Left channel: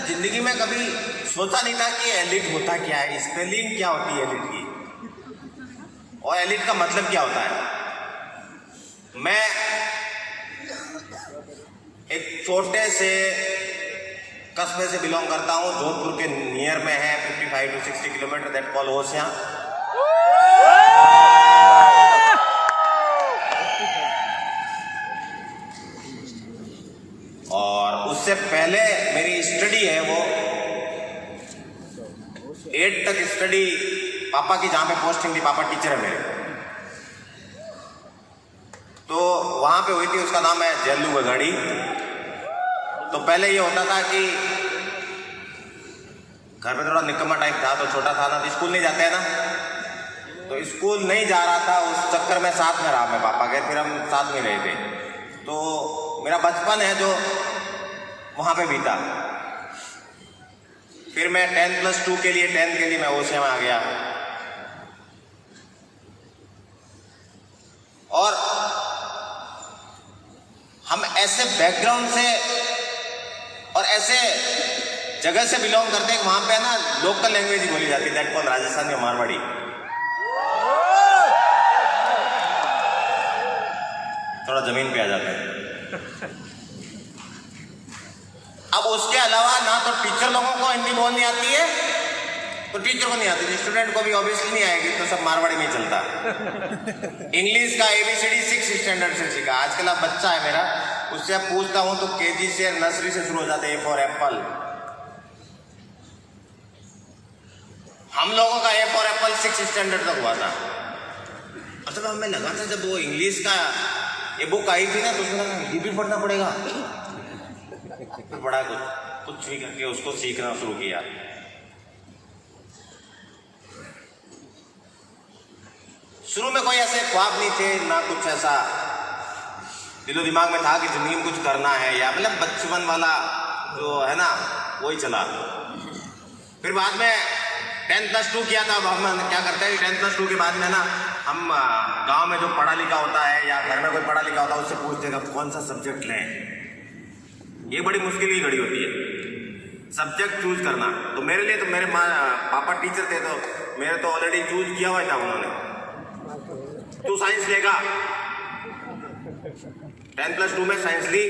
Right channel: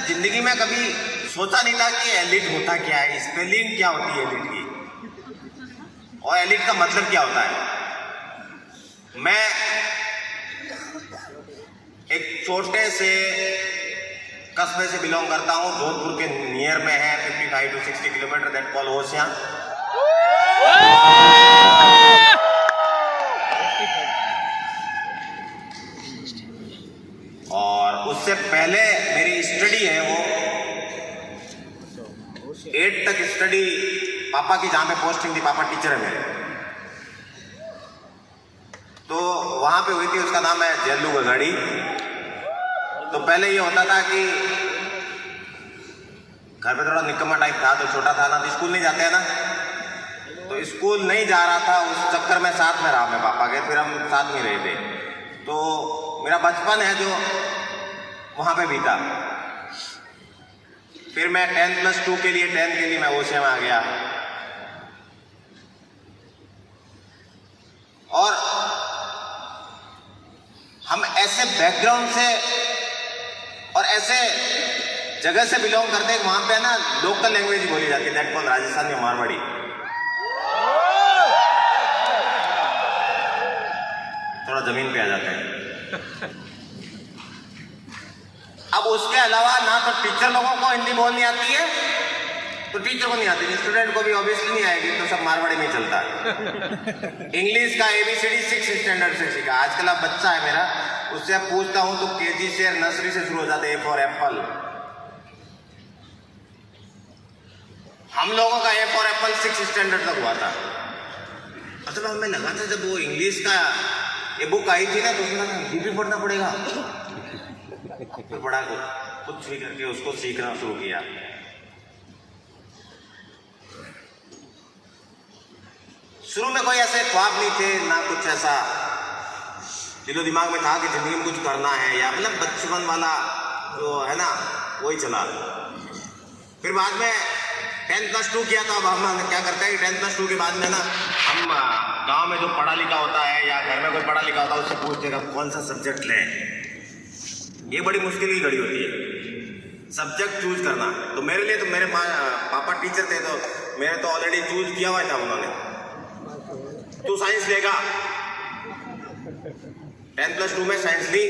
जिंदगी में कभी सोचा नहीं था कि एलिट होता क्या है, स्पेलिंग क्या होती है एलिट की, और एलिट का मतलब क्या होता है। मैं एक छोटे से कस्बे से बिलोंग करता हूँ, जोधपुर के नियर में है, 55 to 60 किलोमीटर, दैट कॉल होशियां। और उससे पहले मेरी स्टडी है वो 8 तक स्टडी पापा की, जहाँ पे पोस्टिंग थी, पापा टीचर है मेरे, तो वहाँ पे हुई थी। उसका नाम है जेलू गजाड़ी। तो पहले ये होता था कि घर पे थोड़ा निकम्मा टाइप था, तो छोटा था ना, तो स्कूल नहीं जाते हैं ना, तो स्कूल नहीं जा रहा था, उस चक्कर में साथ में रहा मैं पापा के, फिर हम साथ में रहे थे। तो मेरा बचपन है जो वहाँ पे बीता। फिर मैं 10+2 के लिए, 10th के लिए मैं ओशिया में आ गया। और हम ऐसे बैकग्राउंड से और ऐसे जगह से बिलोंग करते हैं, वहां पे ना लोकल लैंग्वेज ही बोली जाती है, दैट कॉल राजस्थानी, मारवाड़ी। थोड़ा जमीन पे आ जाता है। अब उसके अलावा ना तो टीचर लोगों को हिंदी बोलनी आती है, तो टीचर को नहीं आती, स्टूडेंट को भी ऑब्वियसली नहीं आएगी, तो सब मारवाड़ी में चलता है। इंग्लिश का ABCD 6th स्टैंडर्ड से सीखा। आजकल अब बच्चा है मेरा, उससे पूछता हूं तो KG से, नर्सरी से शुरू हो जाते हैं, A for एप्पल। हम लोगों का A for Apple 6th standard तक हुआ था। मतलब हमें लगा था जब वो इंग्लिश का ये बुक आई थी ना, तो उसमें डीपी पढ़ना पड़ेगा, फिर पढ़ा कुछ भी करके उसको सीखना शुरू किया। शुरू में कोई ऐसे ख्वाब नहीं थे, ना कुछ ऐसा दिलो दिमाग में था कि जिंदगी में कुछ करना है, या मतलब बचपन वाला जो है ना वही चला। फिर बाद में 10+2 किया था। अब हम क्या करते हैं, 10+2 के बाद में ना हम गांव में जो पढ़ा लिखा होता है या घर में कोई पढ़ा लिखा होता है, उससे पूछते हैं कौन सा सब्जेक्ट लें। ये बड़ी मुश्किल की घड़ी होती है, सब्जेक्ट चूज करना। तो मेरे लिए तो मेरे पापा टीचर थे, तो मेरे तो ऑलरेडी चूज किया हुआ था उन्होंने, तू साइंस लेगा। 10+2 में साइंस ली।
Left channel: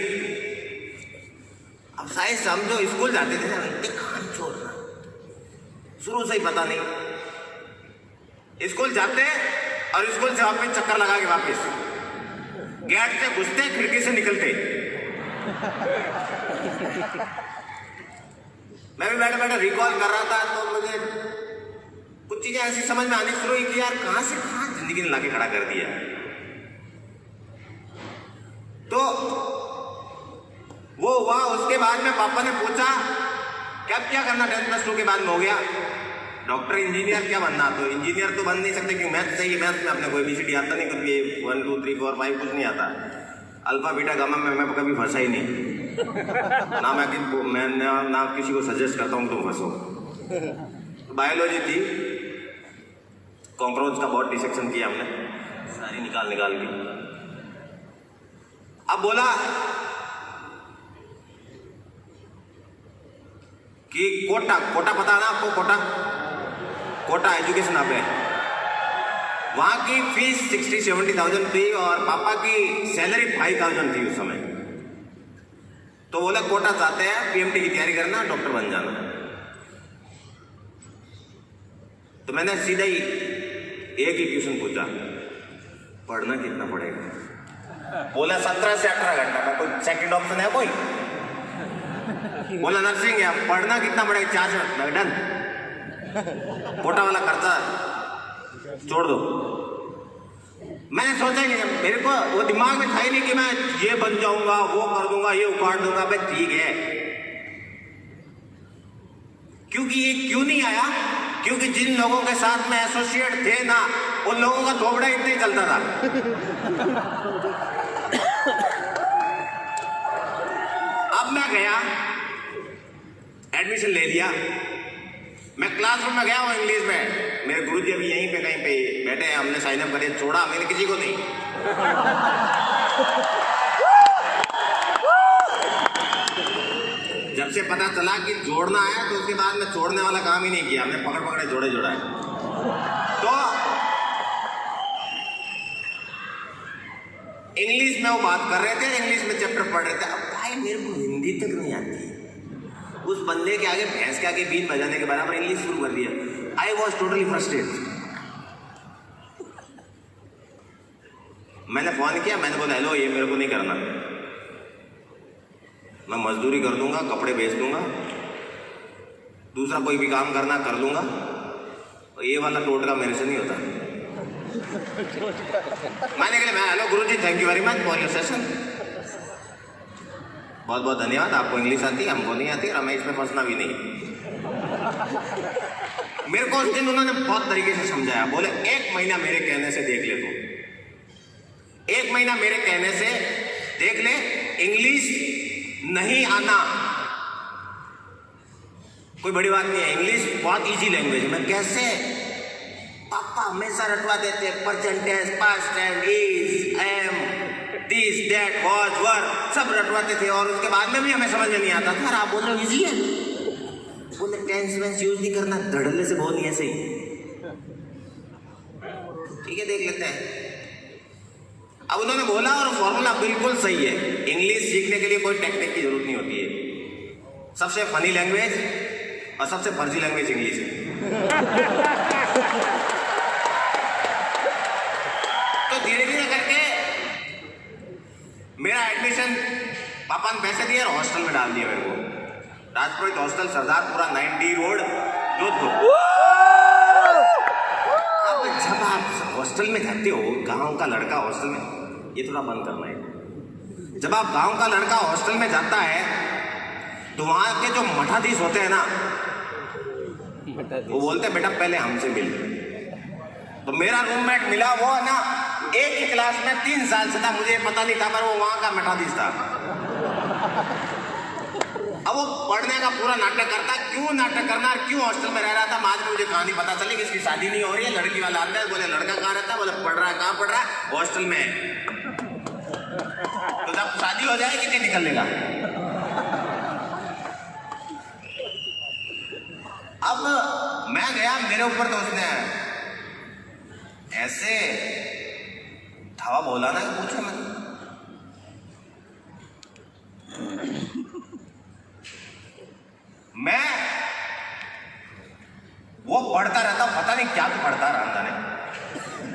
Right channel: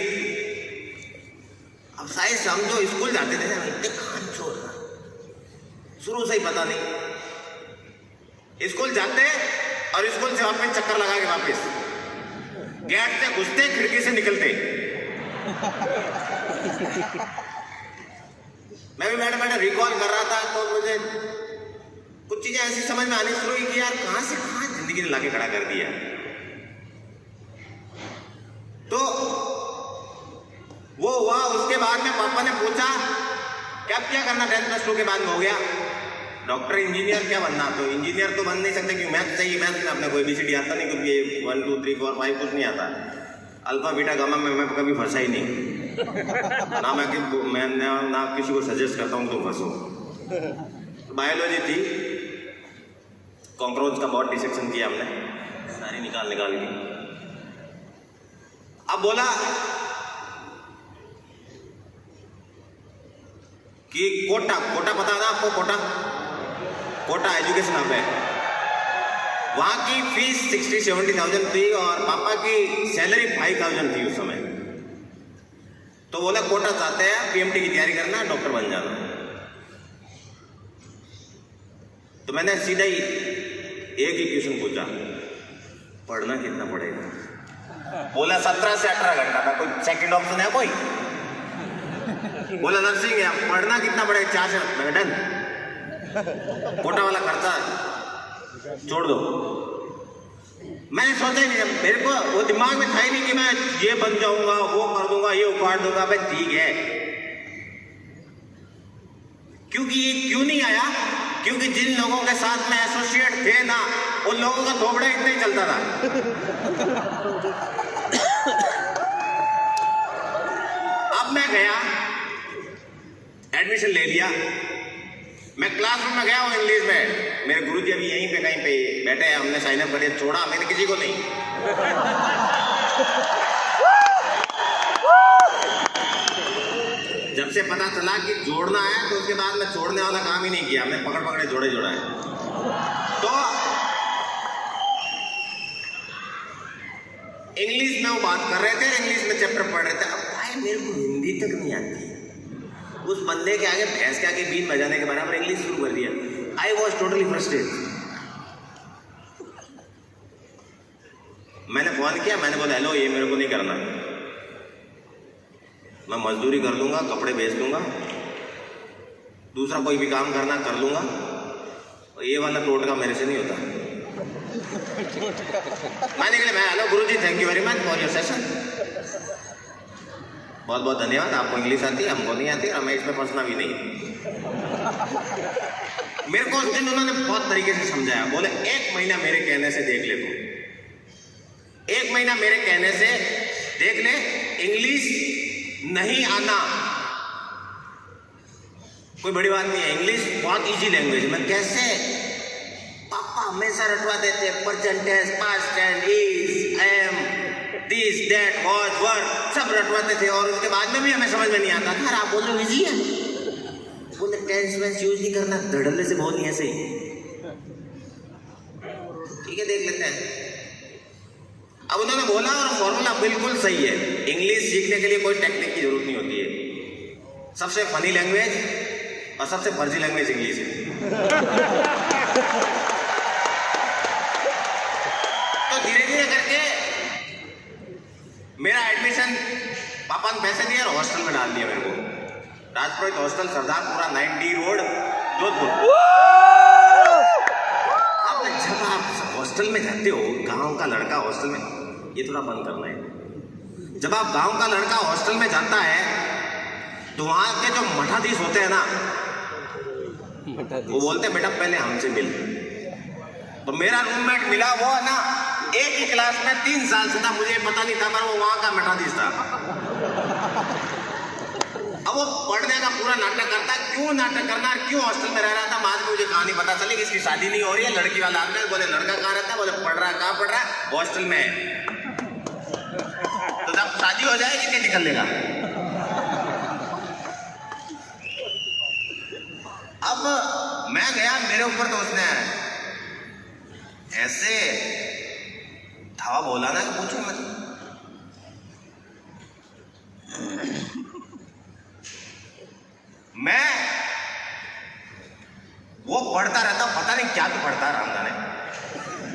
अब साइंस हम जो स्कूल जाते थे ना, कहानी छोड़ना, शुरू से ही पता नहीं। स्कूल जाते और स्कूल से वापस चक्कर लगा के वापस गेट से घुसते, खिड़की से निकलते। मैं भी बैठे बैठे रिकॉल कर रहा था, तो मुझे कुछ चीजें ऐसी समझ में आनी शुरू हुई कि यार कहां से कहां जिंदगी ने लाके खड़ा कर दिया। तो वो हुआ। उसके बाद में पापा ने पूछा क्या करना 10+2 के बाद में, हो गया डॉक्टर, इंजीनियर, क्या बनना। तो इंजीनियर तो बन नहीं सकते क्योंकि मैथ चाहिए, मैथ में अपने कोई ABCD आता नहीं, क्योंकि 1 2 3 4 5 कुछ नहीं आता। अल्फा बीटा गामा में मैं कभी फंसा ही नहीं, ना मैं ना किसी को सजेस्ट करता हूँ तुम फंसो। बायोलॉजी थी, कॉकरोच का बहुत डिसेक्शन किया हमने, सारी निकाल दी। अब बोला कि कोटा पता ना आपको, कोटा एजुकेशन हब है, वहां की फीस 60-70,000 थी और पापा की सैलरी 5,000 थी उस समय। तो बोला कोटा चाहते हैं, PMT की तैयारी करना, डॉक्टर बन जाना। तो मैंने सीधा ही एक ही क्वेश्चन पूछा, पढ़ना कितना पड़ेगा। बोला 17 से 18 घंटा था। कोई सेकंड ऑप्शन है कोई? बोला नर्सिंग है, पढ़ना कितना पड़ेगा, 4 से डन, कोटा वाला खर्चा छोड़ दो। मैंने सोचा ही नहीं, मेरे को वो दिमाग में था ही नहीं कि मैं ये बन जाऊंगा, वो कर दूंगा, ये उखाड़ दूंगा। भाई ठीक है, क्योंकि ये क्यों नहीं आया, क्योंकि जिन लोगों के साथ में एसोसिएट थे ना, उन लोगों का थोबड़ा इतना ही चलता था। अब मैं गया, एडमिशन ले लिया, मैं क्लासरूम में गया हूँ इंग्लिश में, मेरे गुरुजी अभी यहीं पे कहीं पे बैठे हैं, हमने साइन अप कर दिया, छोड़ा मैंने किसी को नहीं। जब से पता चला कि जोड़ना है तो उसके बाद मैं छोड़ने वाला काम ही नहीं किया, मैं पकड़ पकड़े जोड़े जोड़ा है। तो इंग्लिश में वो बात कर रहे थे, इंग्लिश में चैप्टर पढ़ रहे थे। अब भाई मेरे को हिंदी तक नहीं आती, उस बंदे के आगे भैंस के आगे बीन बजाने के बराबर इंग्लिश शुरू कर दिया। I was totally frustrated. मैंने फोन किया, मैंने बोला हेलो, ये मेरे को नहीं करना, मैं मजदूरी कर दूंगा, कपड़े बेच दूंगा, दूसरा कोई भी काम करना कर लूंगा, ये वाला टोटका मेरे से नहीं होता। मैंने कहा मैं hello Guruji, thank you very much for your session, बहुत बहुत धन्यवाद, आपको इंग्लिश आती है, हमको नहीं आती, और हमें इसमें फंसना भी नहीं। मेरे को उस दिन उन्होंने बहुत तरीके से समझाया। बोले 1 महीना मेरे कहने से देख ले, तू 1 महीना मेरे कहने से देख ले, इंग्लिश नहीं आना कोई बड़ी बात नहीं है, इंग्लिश बहुत इजी लैंग्वेज है। मैं कैसे? पापा हमेशा रटवा देते, present tense, past tense, is, am, this, that, was, were, सब रटवाते थे, और उसके बाद में भी हमें समझ में नहीं आता था। आप बोल रहे हो इजी है, बोले टेंस वेंस यूज नहीं करना, धड़ल्ले से बोलनी ऐसे ही। ठीक है, देख लेते हैं। अब उन्होंने बोला और फॉर्मूला बिल्कुल सही है। इंग्लिश सीखने के लिए कोई टेक्निक की जरूरत नहीं होती है। सबसे फनी लैंग्वेज और सबसे फर्जी लैंग्वेज इंग्लिश है। तो धीरे धीरे करके मेरा एडमिशन पापा ने पैसे दिए और हॉस्टल में डाल दिया मेरे को, राजपुरोहित हॉस्टल, सरदारपुरा 90 रोड, जोधपुर। अब जब आप हॉस्टल में जाते हो, गांव का लड़का हॉस्टल में, ये थोड़ा बंद करना है। जब आप गांव का लड़का हॉस्टल में जाता है तो वहां के जो मठाधीश होते हैं ना, वो बोलते बेटा पहले हमसे मिल। तो मेरा रूममेट मिला, वो है ना एक ही क्लास में 3 साल से था, मुझे पता नहीं था, पर वो वहां का मठाधीश था। अब वो पढ़ने का पूरा नाटक करता, क्यों नाटक करना, क्यों हॉस्टल में रह रहा था। बाद में मुझे कहानी पता चली कि इसकी शादी नहीं हो रही है, लड़की वाला आता है, बोले लड़का कहाँ रहता है, बोले पढ़ रहा है, कहाँ पढ़ रहा है, हॉस्टल में। तो जब शादी हो जाए कितने निकल लेगा। अब मैं गया, मेरे ऊपर तो उसने ऐसे धावा बोला ना कि पूछो मत। मैं वो पढ़ता रहता, पता नहीं क्या तो पढ़ता, रामदाने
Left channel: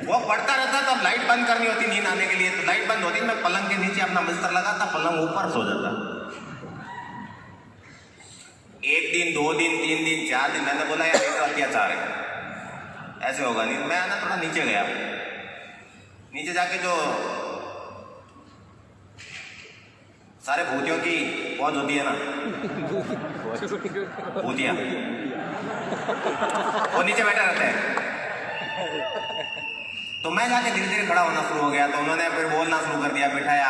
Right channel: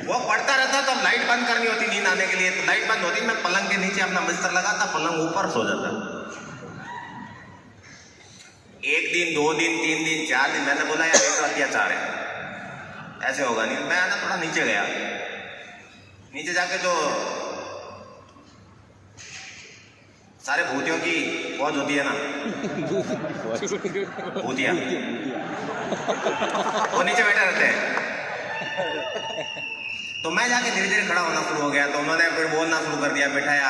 वो पढ़ता रहता, तब लाइट बंद करनी होती नींद आने के लिए, तो लाइट बंद होती, मैं पलंग के नीचे अपना बिस्तर लगाता, पलंग ऊपर सो जाता। 1 दिन 2 दिन 3 दिन 4 दिन, मैंने बोला यार ये तो अत्याचार है, ऐसे होगा नहीं। मैं ना थोड़ा नीचे गया, नीचे जाके जो सारे भूतियों की फौज होती है ना, भूतिया, वो नीचे बैठा रहते हैं। तो मैं जाके धीरे धीरे खड़ा होना शुरू हो गया, तो उन्होंने फिर बोलना शुरू कर दिया, बैठाया।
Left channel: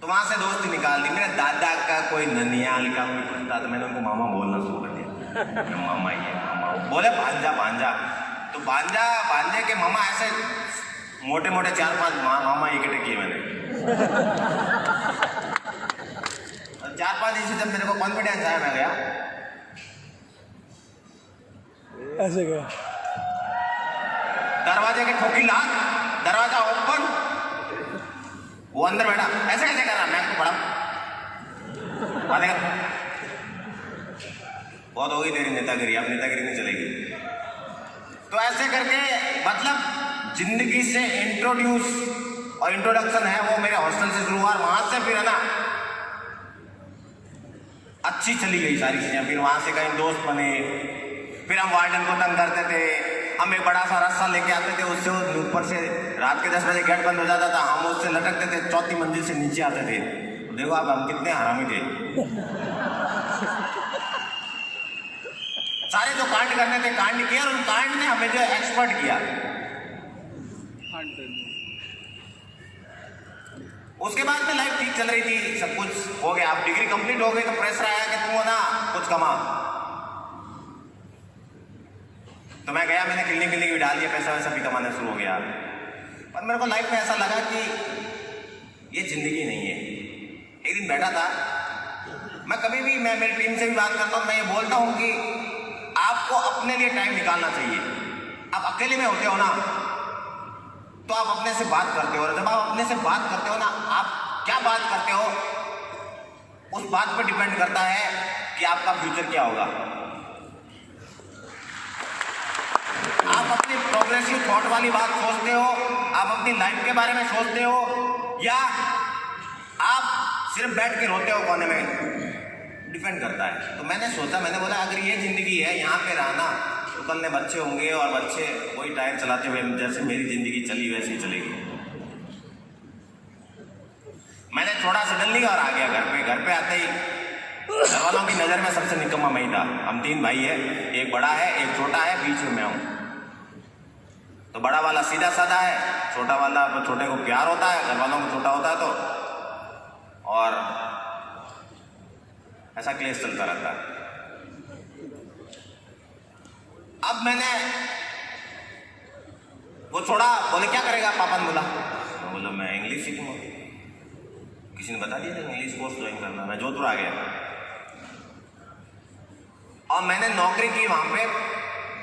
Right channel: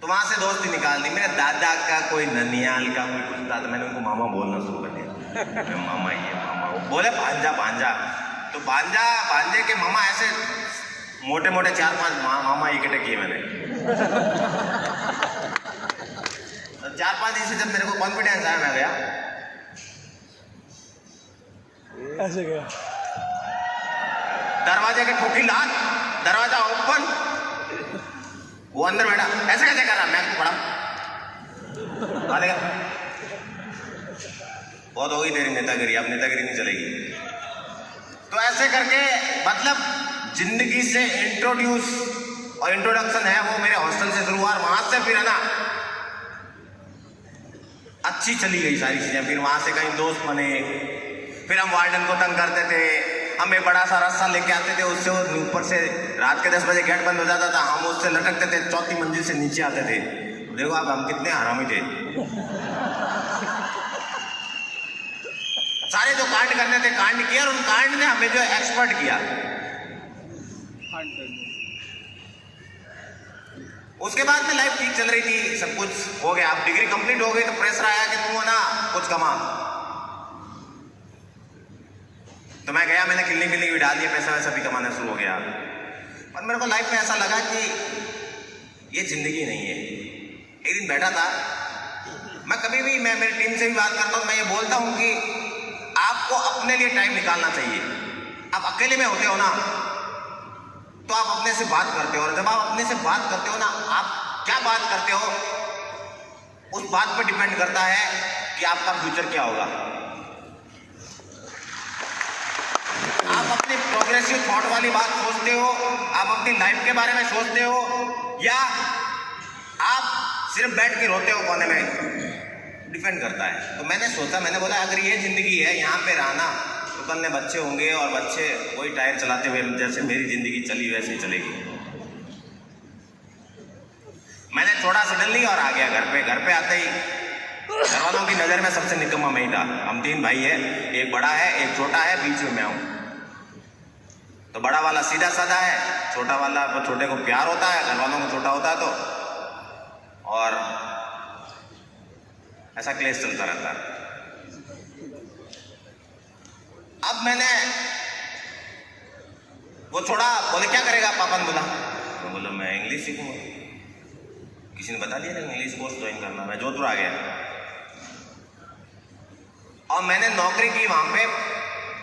तो वहां से दोस्ती निकाल दी। मेरे दादा का कोई ननियाल का कोई कुछ था, तो मैंने उनको मामा बोलना शुरू कर दिया। मामा ये मामा, वो बोले भांजा भांजा। तो भांजा भांजे के मामा ऐसे मोटे मोटे 4-5 मामा इकट्ठे किए मैंने। 4-5 दिन से जब मेरे को कॉन्फिडेंस आया, मैं गया ऐसे गया, दरवाजे की ठोकी लाल, दरवाजा ओपन, वो अंदर बैठा, ऐसे कैसे कर रहा, मैं तो पढ़ा वहां देखा। बहुत हो गई तेरी नेतागिरी, अब नेतागिरी नहीं चलेगी। तो ऐसे करके मतलब जिंदगी से इंट्रोड्यूस और इंट्रोडक्शन है वो मेरे हॉस्टल से शुरू हुआ, वहां से फिर है ना अच्छी चली गई सारी चीजें। फिर वहां से कहीं दोस्त बने, फिर हम वार्डन को तंग करते थे, हम एक बड़ा सा रस्सा लेके आते थे, उससे ऊपर से रात के 10 बजे गेट बंद हो जाता था, हम उससे लटकते थे, 4थी मंजिल से नीचे आते थे। देखो आप हम कितने हरामी थे। सारे जो कांड करने थे कांड किया, और उन कांड ने हमें जो एक्सपर्ट किया। उसके बाद में लाइफ ठीक चल रही थी, सब कुछ हो गया। अब डिग्री कंप्लीट हो गई तो प्रेशर आया कि तुम ना कुछ कमा। तो मैं गया, मैंने क्लिनिक भी डाल दिया, पैसा वैसा भी कमाना शुरू हो गया। पर मेरे को लाइफ में ऐसा लगा कि ये जिंदगी नहीं है। एक दिन बैठा था, मैं कभी भी, मैं मेरी टीम से भी बात करता हूँ, मैं ये बोलता हूँ कि आपको अपने लिए टाइम निकालना चाहिए। आप अकेले में होते हो ना तो आप अपने से बात करते हो, और जब आप अपने से बात करते हो ना, आप क्या बात करते हो उस बात पर डिपेंड करता है कि आपका फ्यूचर क्या होगा। आप अपनी प्रोग्रेसिव थॉट वाली बात सोचते हो, आप अपनी लाइफ के बारे में सोचते हो, या आप सिर्फ बैठ के रोते हो कोने में, डिपेंड करता है। तो मैंने सोचा, मैंने बोला अगर ये जिंदगी है, यहाँ पे रहना, तो कल में बच्चे होंगे और बच्चे वही टायर चलाते हुए जैसे मेरी जिंदगी चली वैसे ही चलेगी। मैंने छोड़ा सडनली और आ गया घर पे। घर पे आते ही घर वालों की नज़र में सबसे निकम्मा मैं ही था। हम 3 भाई है, एक बड़ा है, एक छोटा है, बीच में मैं हूँ। तो बड़ा वाला सीधा साधा है, छोटा वाला तो छोटे को प्यार होता है, घर वालों को छोटा होता है तो, और ऐसा क्लेश चलता रहता है। अब मैंने वो छोड़ा, बोले क्या करेगा पापा ने बोला, तो बोला मैं इंग्लिश सीखूंगा। किसी ने बता दिया था इंग्लिश कोर्स ज्वाइन करना, मैं जोधपुर आ गया और मैंने नौकरी की वहां पे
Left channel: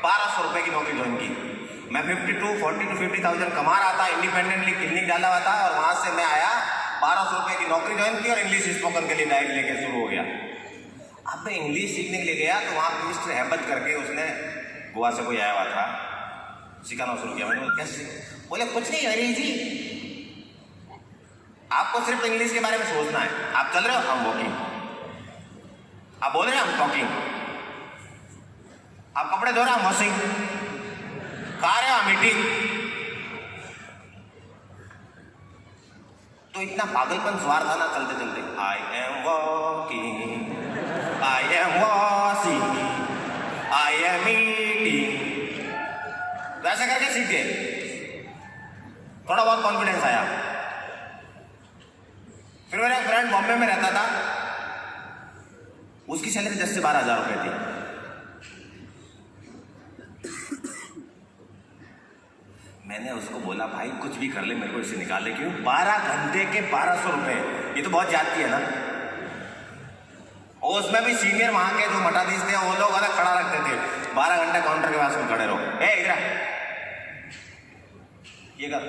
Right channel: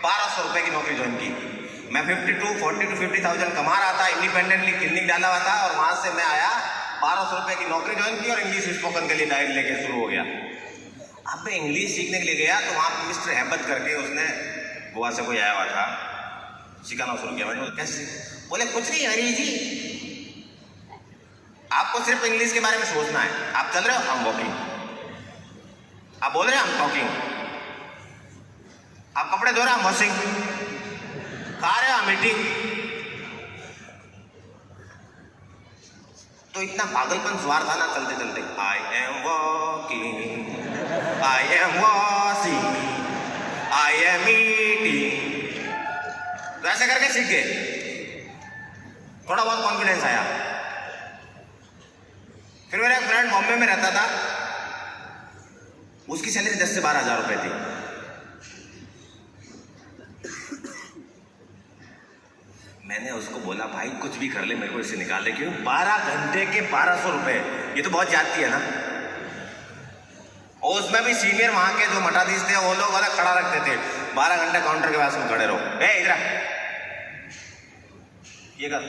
1200 रुपए की नौकरी ज्वाइन की। मैं 40 to 50,000 कमा रहा था, इंडिपेंडेंटली क्लिनिक डाला हुआ था, और वहां से मैं आया 1200 रुपए की नौकरी ज्वाइन की और इंग्लिश स्पोकन के लिए गाइड लेके शुरू हो गया। अब मैं इंग्लिश सीखने के लिए गया तो वहाँ मिस्टर हेबत करके, उसने गोवा से कोई आया हुआ था, सिखाना शुरू किया। मैंने बोला कैसे? बोले कुछ नहीं हरी जी, आपको सिर्फ इंग्लिश के बारे में सोचना है। आप चल रहे हो, हम वॉकिंग, आप बोल रहे हैं, हम टॉकिंग, आप कपड़े धो रहे हैं, हम वॉशिंग, खा रहे हो, हम ईटिंग। तो इतना पागलपन सवार था ना चलते चलते, I am walking, I am washing, I am eating, वैसे करके सीख गए। थोड़ा बहुत कॉन्फिडेंस आया। फिर मेरा एक फ्रेंड बॉम्बे में रहता था, उसकी सैलरी 10 से 12 हज़ार रुपए थी। मैंने उसको बोला भाई कुछ भी कर ले, मेरे को इससे निकाल दे। क्यों? 12 घंटे के 1200 रुपए, ये तो बहुत जाती है ना। और उसमें भी सीनियर वहां के जो मठाधीश थे, वो लोग अलग खड़ा रखते थे, 12 घंटे काउंटर के पास में खड़े रहो, ए इधर ये कर,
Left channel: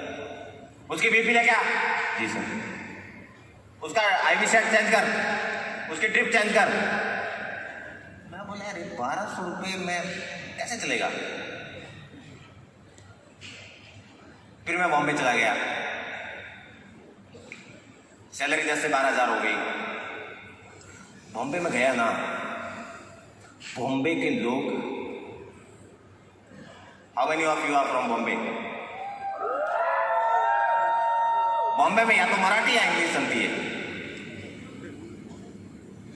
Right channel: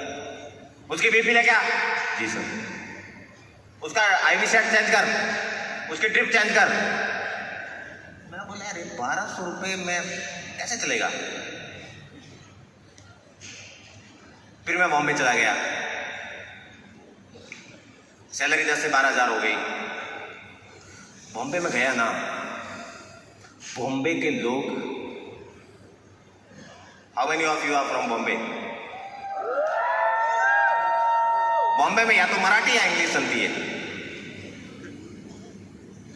उसकी बीपी ले क्या, जी सर, उसका आईवी सेट चेंज कर, उसकी ड्रिप चेंज कर। मैं बोला अरे 1200 रुपये में कैसे चलेगा? फिर मैं बॉम्बे चला गया, सैलरी 10 से 12 हज़ार हो गई। बॉम्बे में गया ना, बॉम्बे के लोग, how many of you are from Bombay? Bombay में या तो मराठी या इंग्लिश चलती है,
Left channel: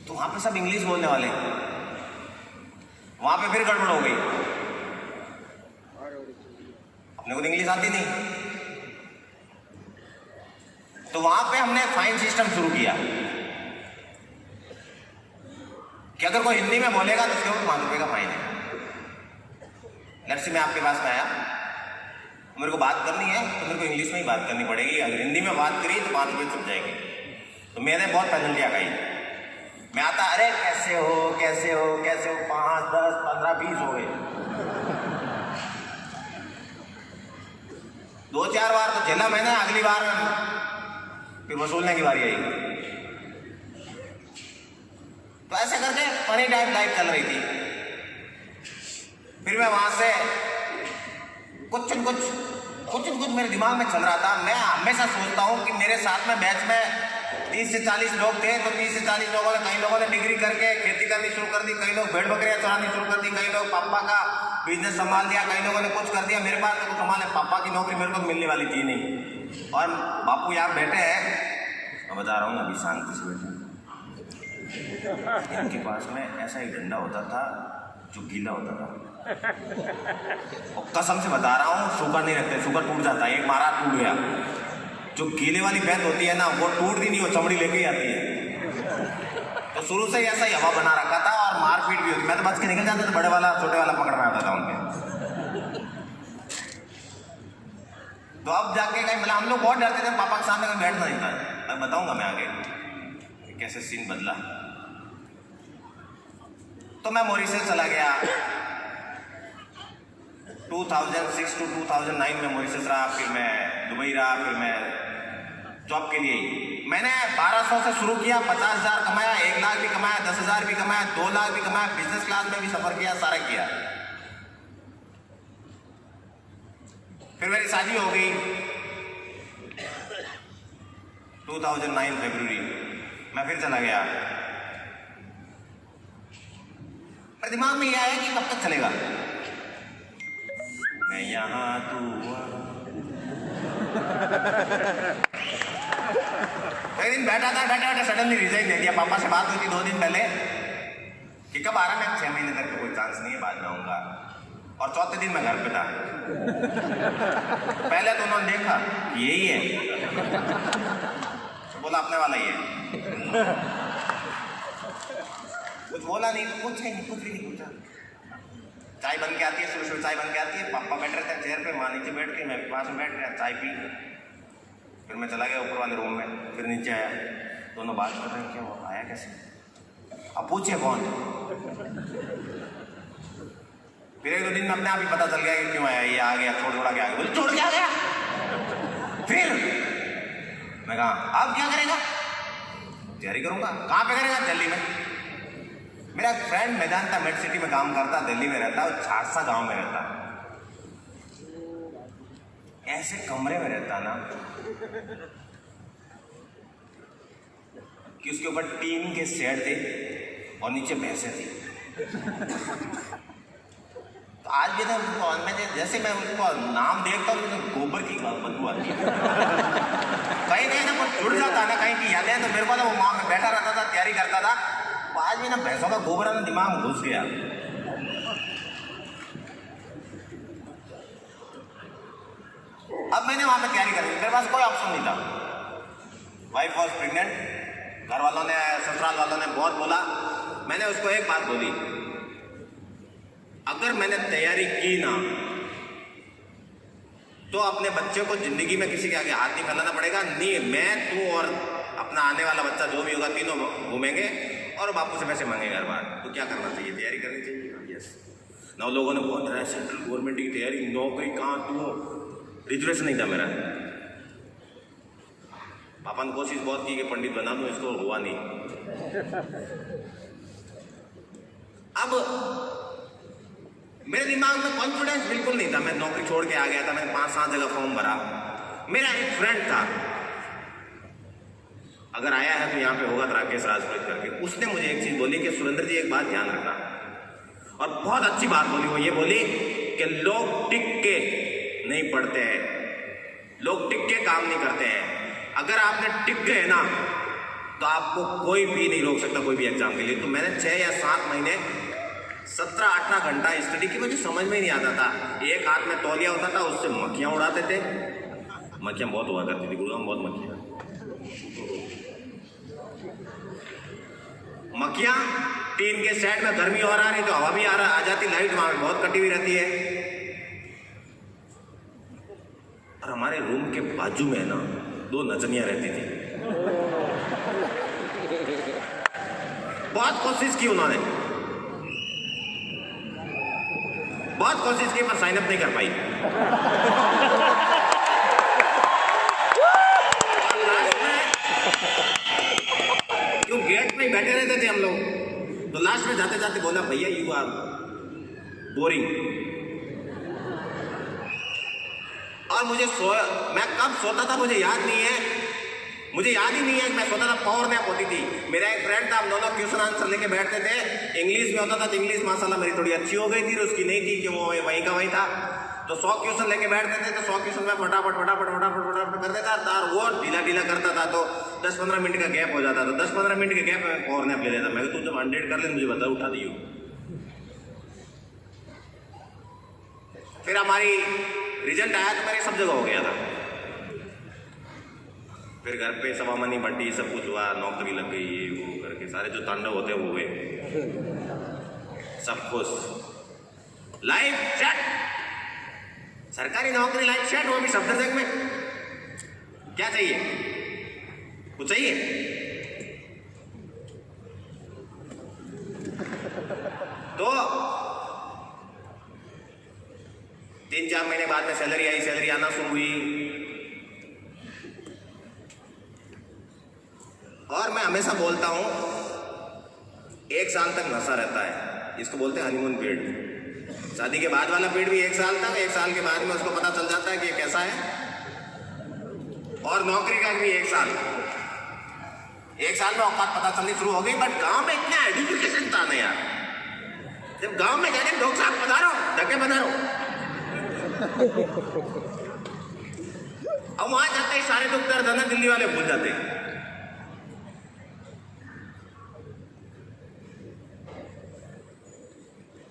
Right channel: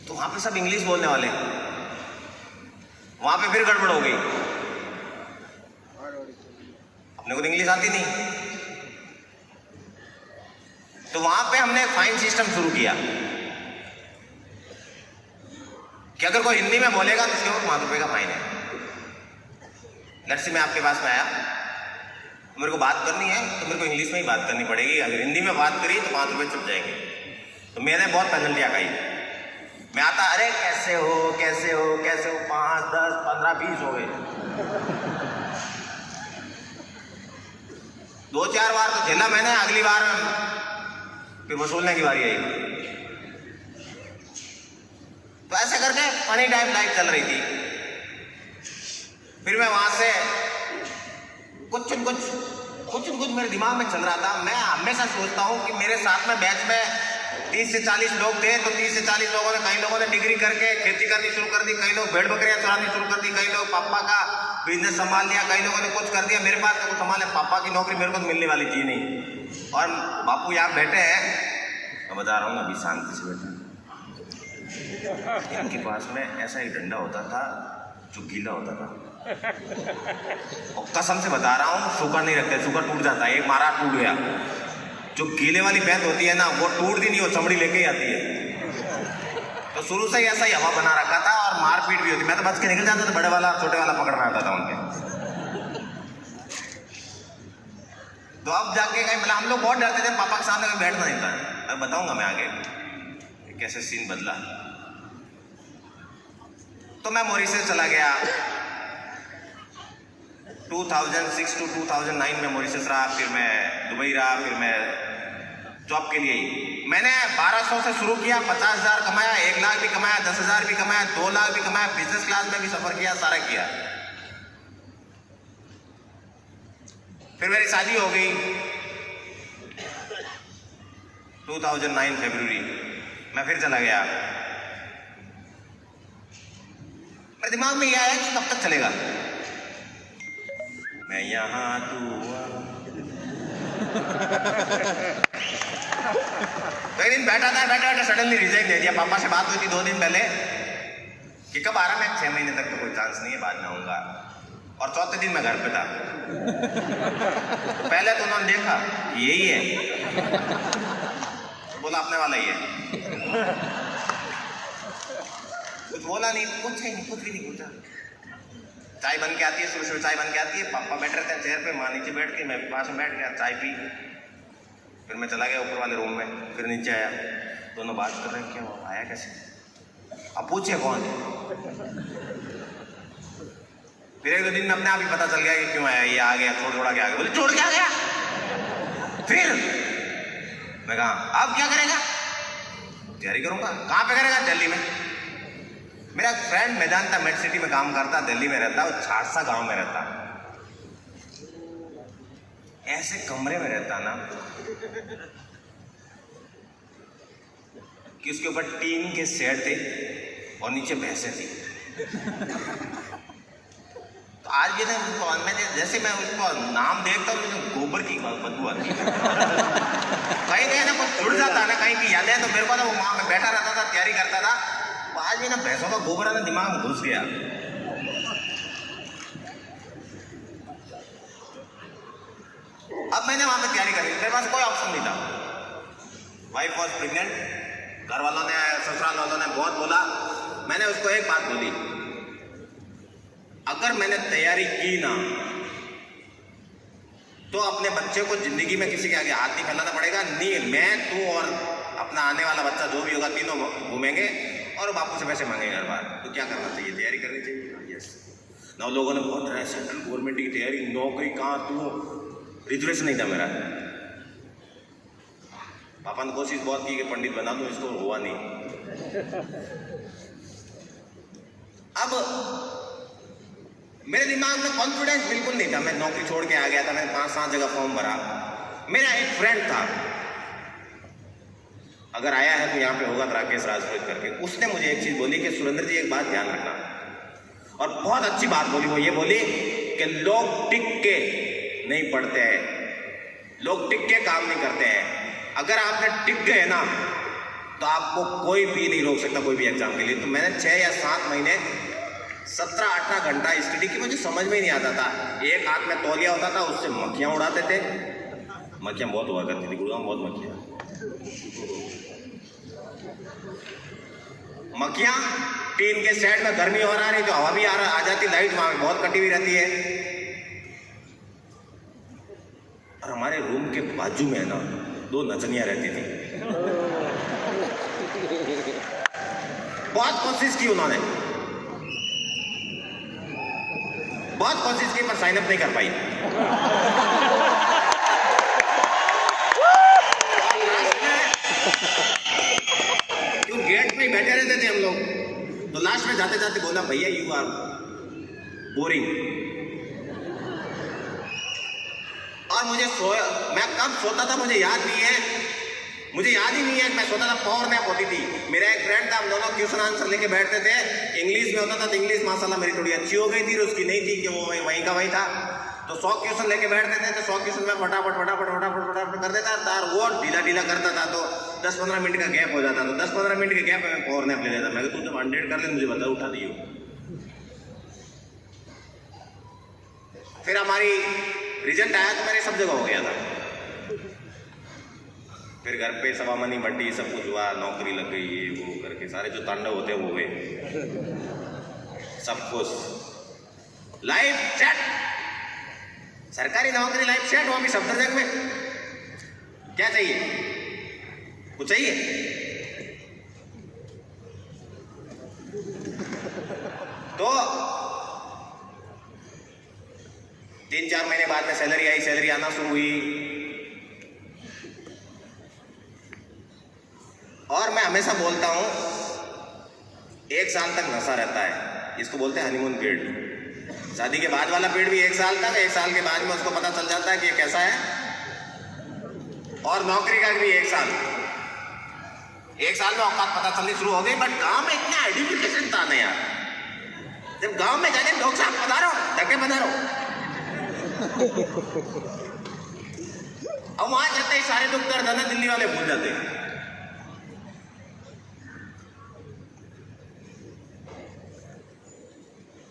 तो वहां पे सब इंग्लिश बोलने वाले। वहां पे फिर गड़बड़ हो गई, अपने को तो इंग्लिश आती नहीं। तो वहां पे हमने फाइन सिस्टम शुरू किया कि अगर कोई हिंदी में बोलेगा तो उसके ऊपर 5 रुपये का फाइन है। लेट्स से मैं आपके पास में आया, मेरे को बात करनी है तो मेरे को इंग्लिश में ही बात करनी पड़ेगी। अगर हिंदी में बात करी तो 5 रुपये चल जाएंगे। तो मैंने बहुत पेनल्टी आ गई। मैं आता, अरे कैसे हो कैसे हो कैसे हो, 5, 10, 15, 20 हो गए। 2-4 बार तो झेला मैंने, अगली बार फिर वसूलने की बारी आई। तो ऐसे करके फनी टाइम लाइफ चल रही थी। फिर मैं वहां से कुछ न कुछ मेरे दिमाग में चल रहा था। मैं हमेशा सोचता हूँ कि मेरे साथ में बैच में 30 से 40 लोग थे, तो 30 से 40 लोगों ने, कई लोगों ने डिग्री करके खेती करनी शुरू कर दी, कई लोग भेड़ बकरियां चरानी शुरू कर दी, कई लोग पापा का बिजनेस संभाल लिया, कई लोगों ने कुछ कर दिया। मेरे पास तो कुछ संभाले, पापा की नौकरी मेरे को तो मिलने वाली थी नहीं। और बापू यहाँ बैठे हैं, मैं बता रहा हूँ अभी शांति से बैठे। इनके पास में ऐसा ही डंडा होता था जो गीला होता था, और कसम से बता रहा हूँ, शुगर नहीं रखते, शुगर टूट जाता है। एक मारा टूट गया। जो गीले वाली बैंड होती है ना, वो टूटती नहीं, वो चमड़ी लेके ही आती है। तो शुरू से ही ऐसा ही हवा बना रखा था, और मारपीट भी होती। मैं तो बच के निकल जाता था, बड़े वाला छोटे वाला पकड़ना आता था उनके। तो अब जाके कहीं, मतलब हम लोग बहुत डरते थे, पापा के सामने में बैठना नहीं था। अब बताऊंगा मैं आगे कैसे सीन बदला। तो मैं मॉरिशस चला गया। 2006 टू 2009 में मॉरिशस रहा, फिर मैं दुबई रहा, फिर मैं जॉब के लिए ही मैंने 1200 से शुरू किया, 50,000 कमाया, 1 लाख भी कमाया, 10,000 भी कमाया, 2 लाख भी कमाया, बिजनेस क्लास में भी सफर किया, सारा किया। फिर मेरी शादी हो गई 2009 फरवरी, मैं फिर चला गया। मेरे दिमाग में यह आया कि कब तक चलेगा, मैं यहाँ तू एक दिन बैठा था सडनली रिजाइन दे दिया। पापा से बात हुई थी 2 दिन पहले कि कब आ रहा, मैं 6 महीने तक तो कोई चांस नहीं है, बाद में आऊंगा। और चौथे दिन मैं घर पे था। तो पहले तो उन्होंने देखा यही है, तो बोला अपने वाला ही है। कुछ बोला नहीं, कुछ भी नहीं पूछा। चाय बन के आती है, सुबह चाय बन के आती है, पापा बैठ रहते हैं चेयर पे, माँ नीचे बैठ के, मैं पास में बैठ गया, चाय पी। फिर मैं चला गया ऊपर वाले रूम में, फिर नीचे आया, दोनों बात कर रहे हैं, क्या हुआ, आया कैसे, अब पूछे कौन। फिर 1-2 दिन में अपने आप ही पता चल गया कि क्यों आया, ये आ गया, छोड़ के आ गया। बोले छोड़ के आ गया, फिर मैं कहा अब क्या करेगा, तैयारी करूंगा। कहाँ पे करेगा, दिल्ली में। मेरा फ्रेंड मैदान था, मेट सिटी में काम करता, दिल्ली में रहता, वो छारसा गांव में रहता, ऐसे कमरे में रहता ना कि उसके ऊपर टीन के शेड थे और नीचे भैंसे थी। तो आज भी ना मैंने जैसे मैं उसको नाम देखता हूँ, गोबर की बदबू आती है। कहीं ना कुछ जुड़ जाता है ना, कहीं की यादें। तो मेरे को ना वो वहाँ में बैठा रहता था, तैयारी करता था, तो आज भी ना भैंसों का गोबर ना दिमाग में घुस गया। अब मैंने वहां पे तैयारी कर ली, मेरे पास कोई ऑप्शन नहीं था। वाइफ वॉज प्रेग्नेंट, घर वालों ने, ससुराल वालों ने बहुत बोला। मैंने उसको एक बात बोली, अगर मैंने तैयारी की ना तो अपने बच्चे को जिंदगी में किसी के आगे हाथ नहीं फैलाना पड़ेगा। नहीं, मैं, तू और अपना आने वाला बच्चा जो भी होगा, तीनों घूमेंगे और बापू से पैसे मांगेंगे हर बार। तो क्या करना चाहिए, तैयारी करनी चाहिए। यस, 9 लोगों ने बहुत रहा है सेंट्रल गवर्नमेंट की तैयारी, नौकरी कहाँ, तू रिजर्वेशन नहीं था मेरा। पापा ने कोशिश बहुत की कि पंडित बना दूं इसको, हुआ नहीं। अब मेरे दिमाग में कॉन्फिडेंस बिल्कुल नहीं था, मैं नौकरी छोड़ के आ गया था, मैंने 5-7 जगह फॉर्म भरा। मेरा एक फ्रेंड था, अगर आया है तो यहाँ पे होगा, राकेश राजपूत करके, उसने मुझे एक चीज बोली कि सुरेंद्र जी एक बात ध्यान रखना, और बहुत अच्छी बात बोली। वो ये बोली कि लोग टिक के नहीं पढ़ते हैं, लोग टिक के काम नहीं करते हैं। अगर आपने टिक गए ना तो आपको कोई भी नहीं रोक सकता कोई भी एग्जाम के लिए। तो मैंने 6 या 7 महीने 17-18 घंटा स्टडी की, मुझे समझ में ही नहीं आता था। एक हाथ में तौलिया होता था, उससे मक्खियां उड़ाते थे, मक्खियां बहुत हुआ करती थी, गुड़गांव बहुत मक्खियां। टीन के सेट में गर्मी और आ रही तो हवा भी आ जाती, लाइट वहां बहुत कटी हुई रहती है। और हमारे रूम के बाजू में ना 2 नचनियां रहती थी। बहुत कोशिश की उन्होंने, बहुत कोशिश की, पर साइन अप नहीं कर पाई। क्यों गेट पे ही बैठे रहते थे हम लोग। तो लास्ट में जाते जाते बोला, भैया यू आर बोरिंग। और मुझे मैं कब सोता था मुझे याद नहीं है, मुझे याद ही नहीं है कि मैं सोता था। पावर नैप होती थी। मेरा एक फ्रेंड था, हम दोनों क्वेश्चन आंसर लेके बैठते थे। इंग्लिश में होता था तो इंग्लिश माशाल्लाह मेरी थोड़ी अच्छी हो गई थी, उसकी नहीं थी कि वो वहीं का वहीं था। तो 100 क्वेश्चन लेके बैठते थे, तो 100 क्वेश्चन में फटाफट कर देता था, और वो ढीला करता था, तो 10-15 मिनट का गैप हो जाता। तो 10-15 मिनट के गैप में पावर नैप ले लेता। मैं तू जब 100 कर ले मुझे बता, उठा दियो। फिर हमारी रिजल्ट आया तो मेरे सब जगह हो गया था। फिर घर पे सवामनी बंटी सब कुछ हुआ, नौकरी लग गई, ये वो करके सारे जो तांडव होते हैं वो हुए, सब कुछ लाइफ सेट, सरकारी नौकरी, लाइफ सेट। वो भी सफदरजंग में क्या चाहिए, कुछ चाहिए? तो 3-4 महीने बाद में सैलरी आई, सैलरी आना शुरू हुई। और मैं हमेशा बोलता हूं 1 साल तक नशा रहता है, इसको बोलते हैं हनीमून पीरियड। शादी के बाद वाला पीरियड भी 1 साल तक, 1 साल के बाद में उसको पता चल जाता है कि ये कैसा है। और नौकरी का भी 1 साल, 1 साल में औकात पता चलनी शुरू हो गई। बट गांव में इतना एडुकेशन था ना यार, जब गांव में जाके डॉक्टर साहब पधारो, धक्के पधारो, अब वहां जाते ही सारे दुख दर्द है दिल्ली वाले भूल जाते हैं।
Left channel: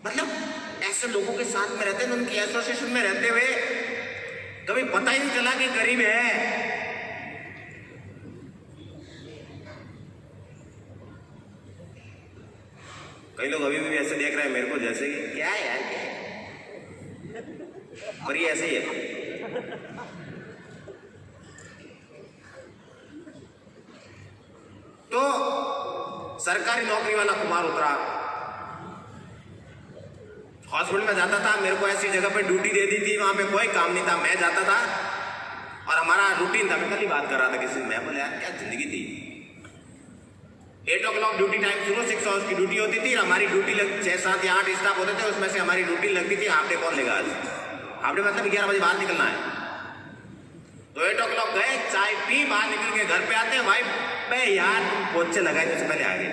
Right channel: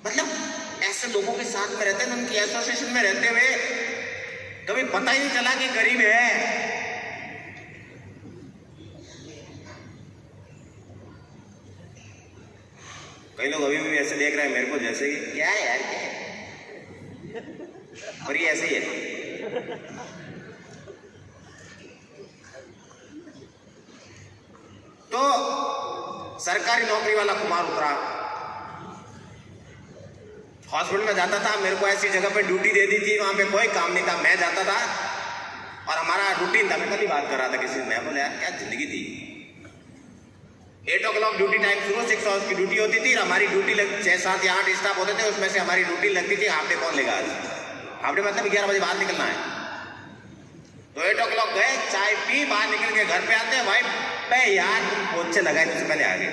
मतलब ऐसे लोगों के साथ में रहते हैं, उनकी एसोसिएशन में रहते हुए कभी पता ही नहीं चला कि गरीब है। कई लोग अभी भी ऐसे देख रहे हैं मेरे को जैसे ही क्या है यार, क्या है? और ये ऐसे ही है। तो सरकारी नौकरी वाला कुमार उतरा, हॉस्पिटल में जाता था, मेरे को ऐसी जगह पे ड्यूटी दे दी थी, वहां पे कोई काम नहीं था, मैं जाता था और हमारा रूटीन था। मैं कल ही बात कर रहा था किसी से, मैं बोले यार क्या जिंदगी थी। 8 o'clock ड्यूटी टाइम शुरू, 6 hours की ड्यूटी होती थी। हमारी ड्यूटी 6, 7 या 8 स्टाफ होते थे, उसमें से हमारी ड्यूटी लगती थी हाफ डे कौन लेगा आज, हाफ डे मतलब 11 बजे बाहर निकलना है। तो 8 o'clock गए, चाय पी, बाहर निकल के घर पे आते हैं, भाई पे यार तुम पोछे लगाए इससे पहले आ गए।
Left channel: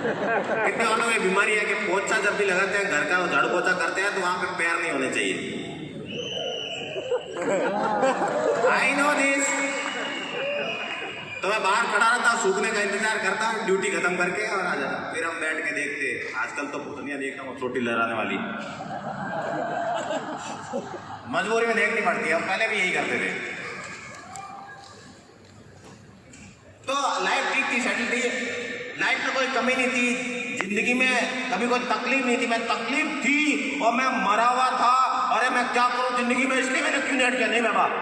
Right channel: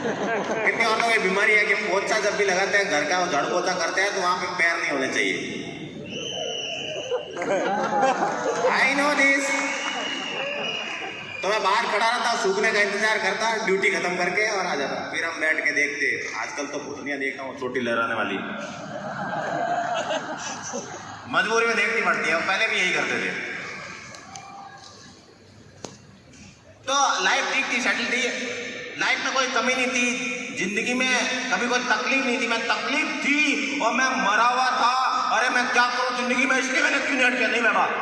कितने और लोगों की बीमारी है कि पोछा जब भी लगाते हैं घर का झाड़ू पोछा करते हैं तो वहां पे पैर नहीं होने चाहिए। I know this. तो मैं बाहर खड़ा रहता, सूखने का इंतजार करता, ड्यूटी खत्म करके और आ जाता। फिर हम बैठ के देखते। आजकल तो भूतनिया देखता हूँ छोटी लहराने वाली, मजबूरी में देखनी पड़ती है, पहले भी यही करते थे। तो लाइफ ठीक थी, सेटल थी, लाइफ में कोई कमी नहीं थी, जिंदगी में कभी कोई तकलीफ नहीं थी। मैं तकलीफ थी और मैं मरा हुआ था, अरे मैं क्या करूं जिंदगी में, इसलिए मैंने क्यों नेट किया नहीं मैं बात।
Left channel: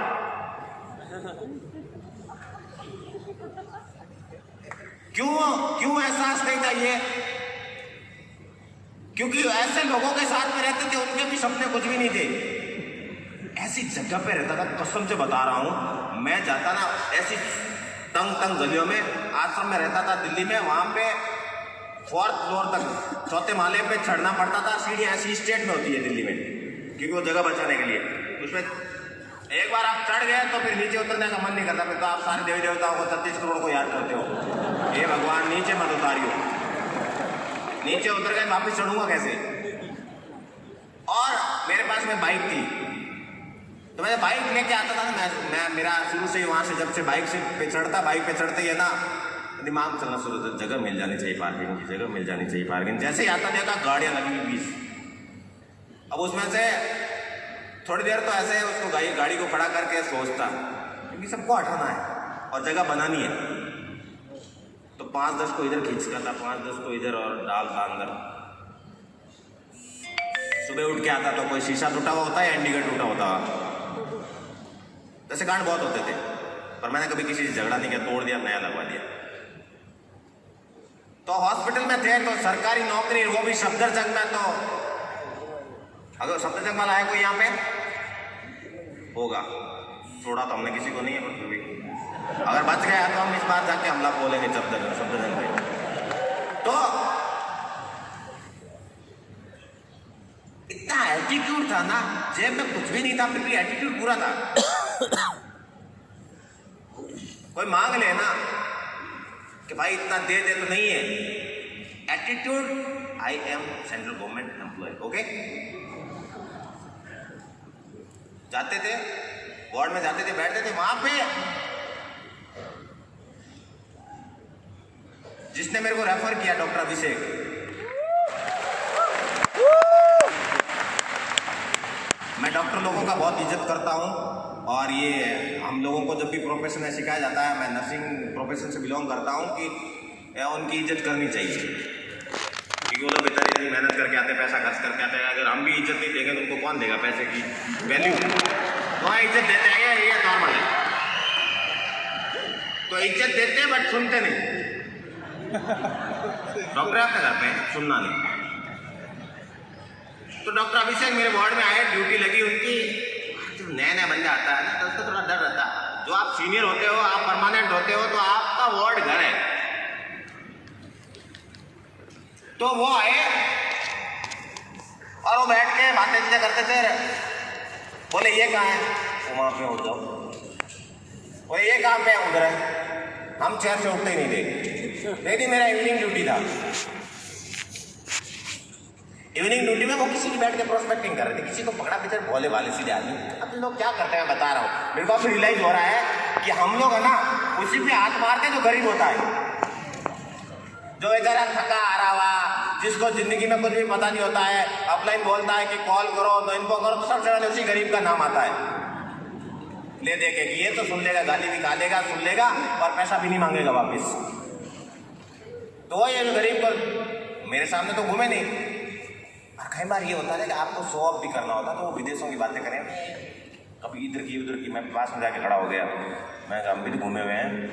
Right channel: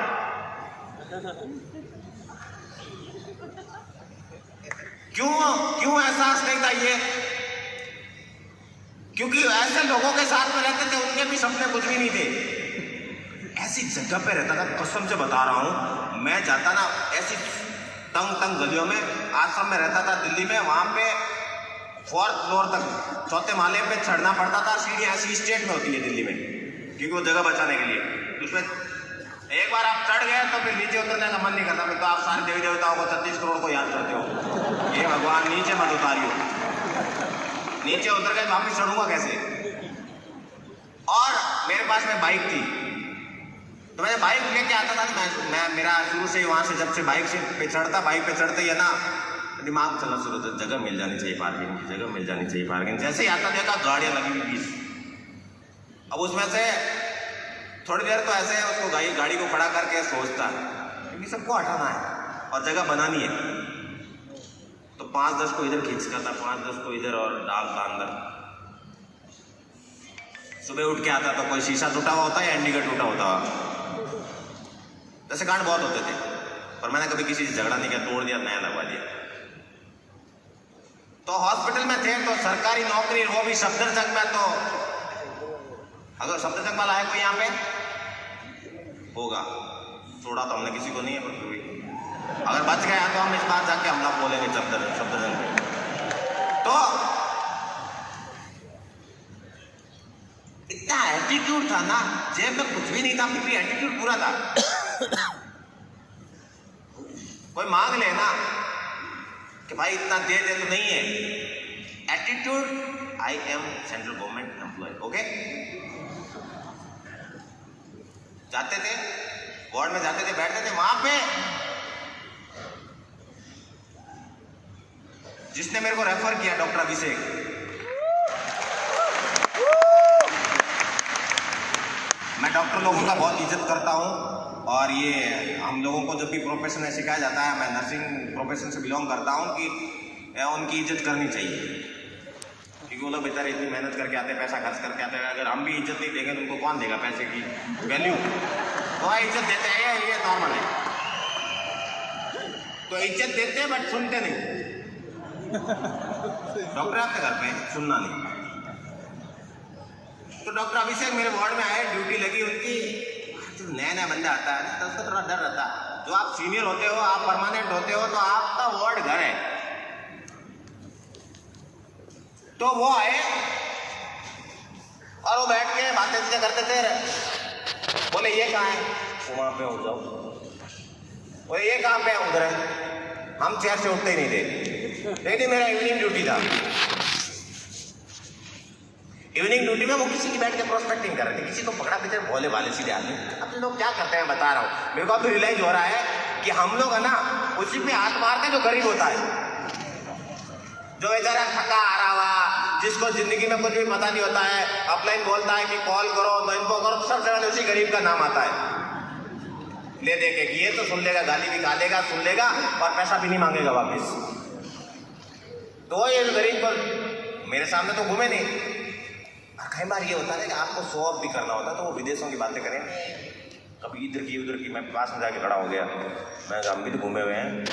क्यों एहसास नहीं था ये? क्योंकि ऐसे लोगों के साथ में रहते थे, उनके भी सपने कुछ भी नहीं थे। ऐसी जगह पे रहता था, कसम से बता रहा हूं, मैं जाता ना ऐसी तंग गलियों में, आश्रम में रहता था दिल्ली में, वहां पे 4th फ्लोर तक, 4थे माले पे चढ़ना पड़ता था। सीढ़ियां ऐसी स्टेट में होती है दिल्ली में, क्योंकि वो जगह बचाने के लिए। उसमें एक बार आप चढ़ गए तो फिर नीचे उतरने का मन नहीं करता, फिर तो आप सारे देवी देवताओं को 33 करोड़ को याद करते हो, ये भगवान नीचे मत उतारियो, नीचे उतर गए वापिस चढ़ूंगा कैसे। और मेरे पास में बाइक थी, तो मैं बाइक लेके आता था ना, मैं मेरा शुरू से ही वहाँ से जब से बाइक से पे चढ़ता, बाइक पे चढ़ते ही है ना दिमाग चलना शुरू होता, जगह मिल जानी चाहिए पार्किंग की, जगह मिल जानी चाहिए पार्किंग। जैसे ही आता देखा गाड़ियाँ लगी हुई 20। अब उसमें से थोड़ी देर तो ऐसे उसको गाड़ी को खड़ा करके सोचता, क्योंकि सबको हटाना है और जगह बनानी है। तो 5-10 को इधर खींचता था, 5-10 को इधर और डालता अंदर। सुबह उठ के आता तो कोई शीशा टूटा हुआ होता है या इंडिकेटर टूटा होता है, वैसे कांड बहुत होते थे, पर मैंने कभी किसी से झगड़ा नहीं किया, तोड़ दिया, नया लगवा दिया। तो हॉस्पिटल में थे तो सरकारी नौकरी, वो भी सफदरजंग में। तो अगर सफदरजंग वाला है कोई यहाँ पे होगा, छोड़ा तो हमने किसी को नहीं है, पर फिर भी अगर बच गया तो हम इस बार जाके हमला बोलेंगे सफदरजंग में। तो इतना एटीट्यूड था ना, जेब में कुछ भी नहीं था, फिर भी एटीट्यूड पूरा था। कोई मांग ले ना कि भाई इतना दे दे तो नहीं है, attitude I am central government employ, okay. जाते थे वार्ड में, जाते थे, बैठते थे वहां पे। जिसने मेरे को रेफर किया डॉक्टर अभिषेक, मैं डॉक्टर लोगों का बहुत इज्जत करता हूँ। और ये हम लोगों को जब भी प्रोफेशन में सिखाया जाता है, मैं नर्सिंग प्रोफेशन से बिलोंग करता हूँ, कि उनकी इज्जत करनी चाहिए, क्योंकि वो लोग बेचारे इतनी मेहनत करके आते हैं, पैसा खर्च करके आते हैं। अगर हम भी इज्जत नहीं देंगे तो उनको कौन देगा पैसे की वैल्यू? तो इज्जत देते हैं, ये नॉर्मल है। तो इज्जत देते हैं बट सुनते नहीं। डॉक्टर आपके घर पे सुनना नहीं, तो डॉक्टर अभिषेक मेरे वार्ड में आए, ड्यूटी लगी उनकी। जब नया नया बंदा आता है ना तो उसका थोड़ा डर रहता है। जो आप सीनियर होते हो, आप परमानेंट होते हो, तो आपका वार्ड घर है। तो वो आए और वो बैठ के बातें चीजें करते थे। बोले ये कहाँ है? वो वहाँ पे उठ जाओ। वो ये काम पे उधर है। हम चेयर से उठते ही नहीं थे, लेकिन मेरा इवनिंग ड्यूटी था। इवनिंग ड्यूटी में वो किसी की बैठ के प्रोस्पेक्टिंग कर रहे थे, किसी को पकड़ा पीछे भोले वाले सीधे आदमी। अब लोग क्या करते हैं बता रहा हूँ। मेरे को फिर रियलाइज हो रहा है कि हम लोग है ना उसी पे हाथ मारते जो गरीब होता है, जो बेचारा थका आ रहा हुआ, जिसको जिंदगी में कुछ भी पता नहीं होता है, अपलाइन बोलता है कि कॉल करो तो इनको करो, तो सबसे पहले उसी गरीब का नाम आता है। दे दे के ये तो सुन लेगा, गाली निकालेगा, सुन लेगा और पैसा भी नहीं मांगेगा वापिस। तो ये गरीब को मेरे सामने तो घूमे नहीं। और कई बार ये होता है कि आपको शो ऑफ भी करना होता है, तो वो विदेशों की बातें करें, कभी इधर की उधर की। मैं पास में जाके खड़ा हो गया, मैं हम भी तो घूमे हुए हैं।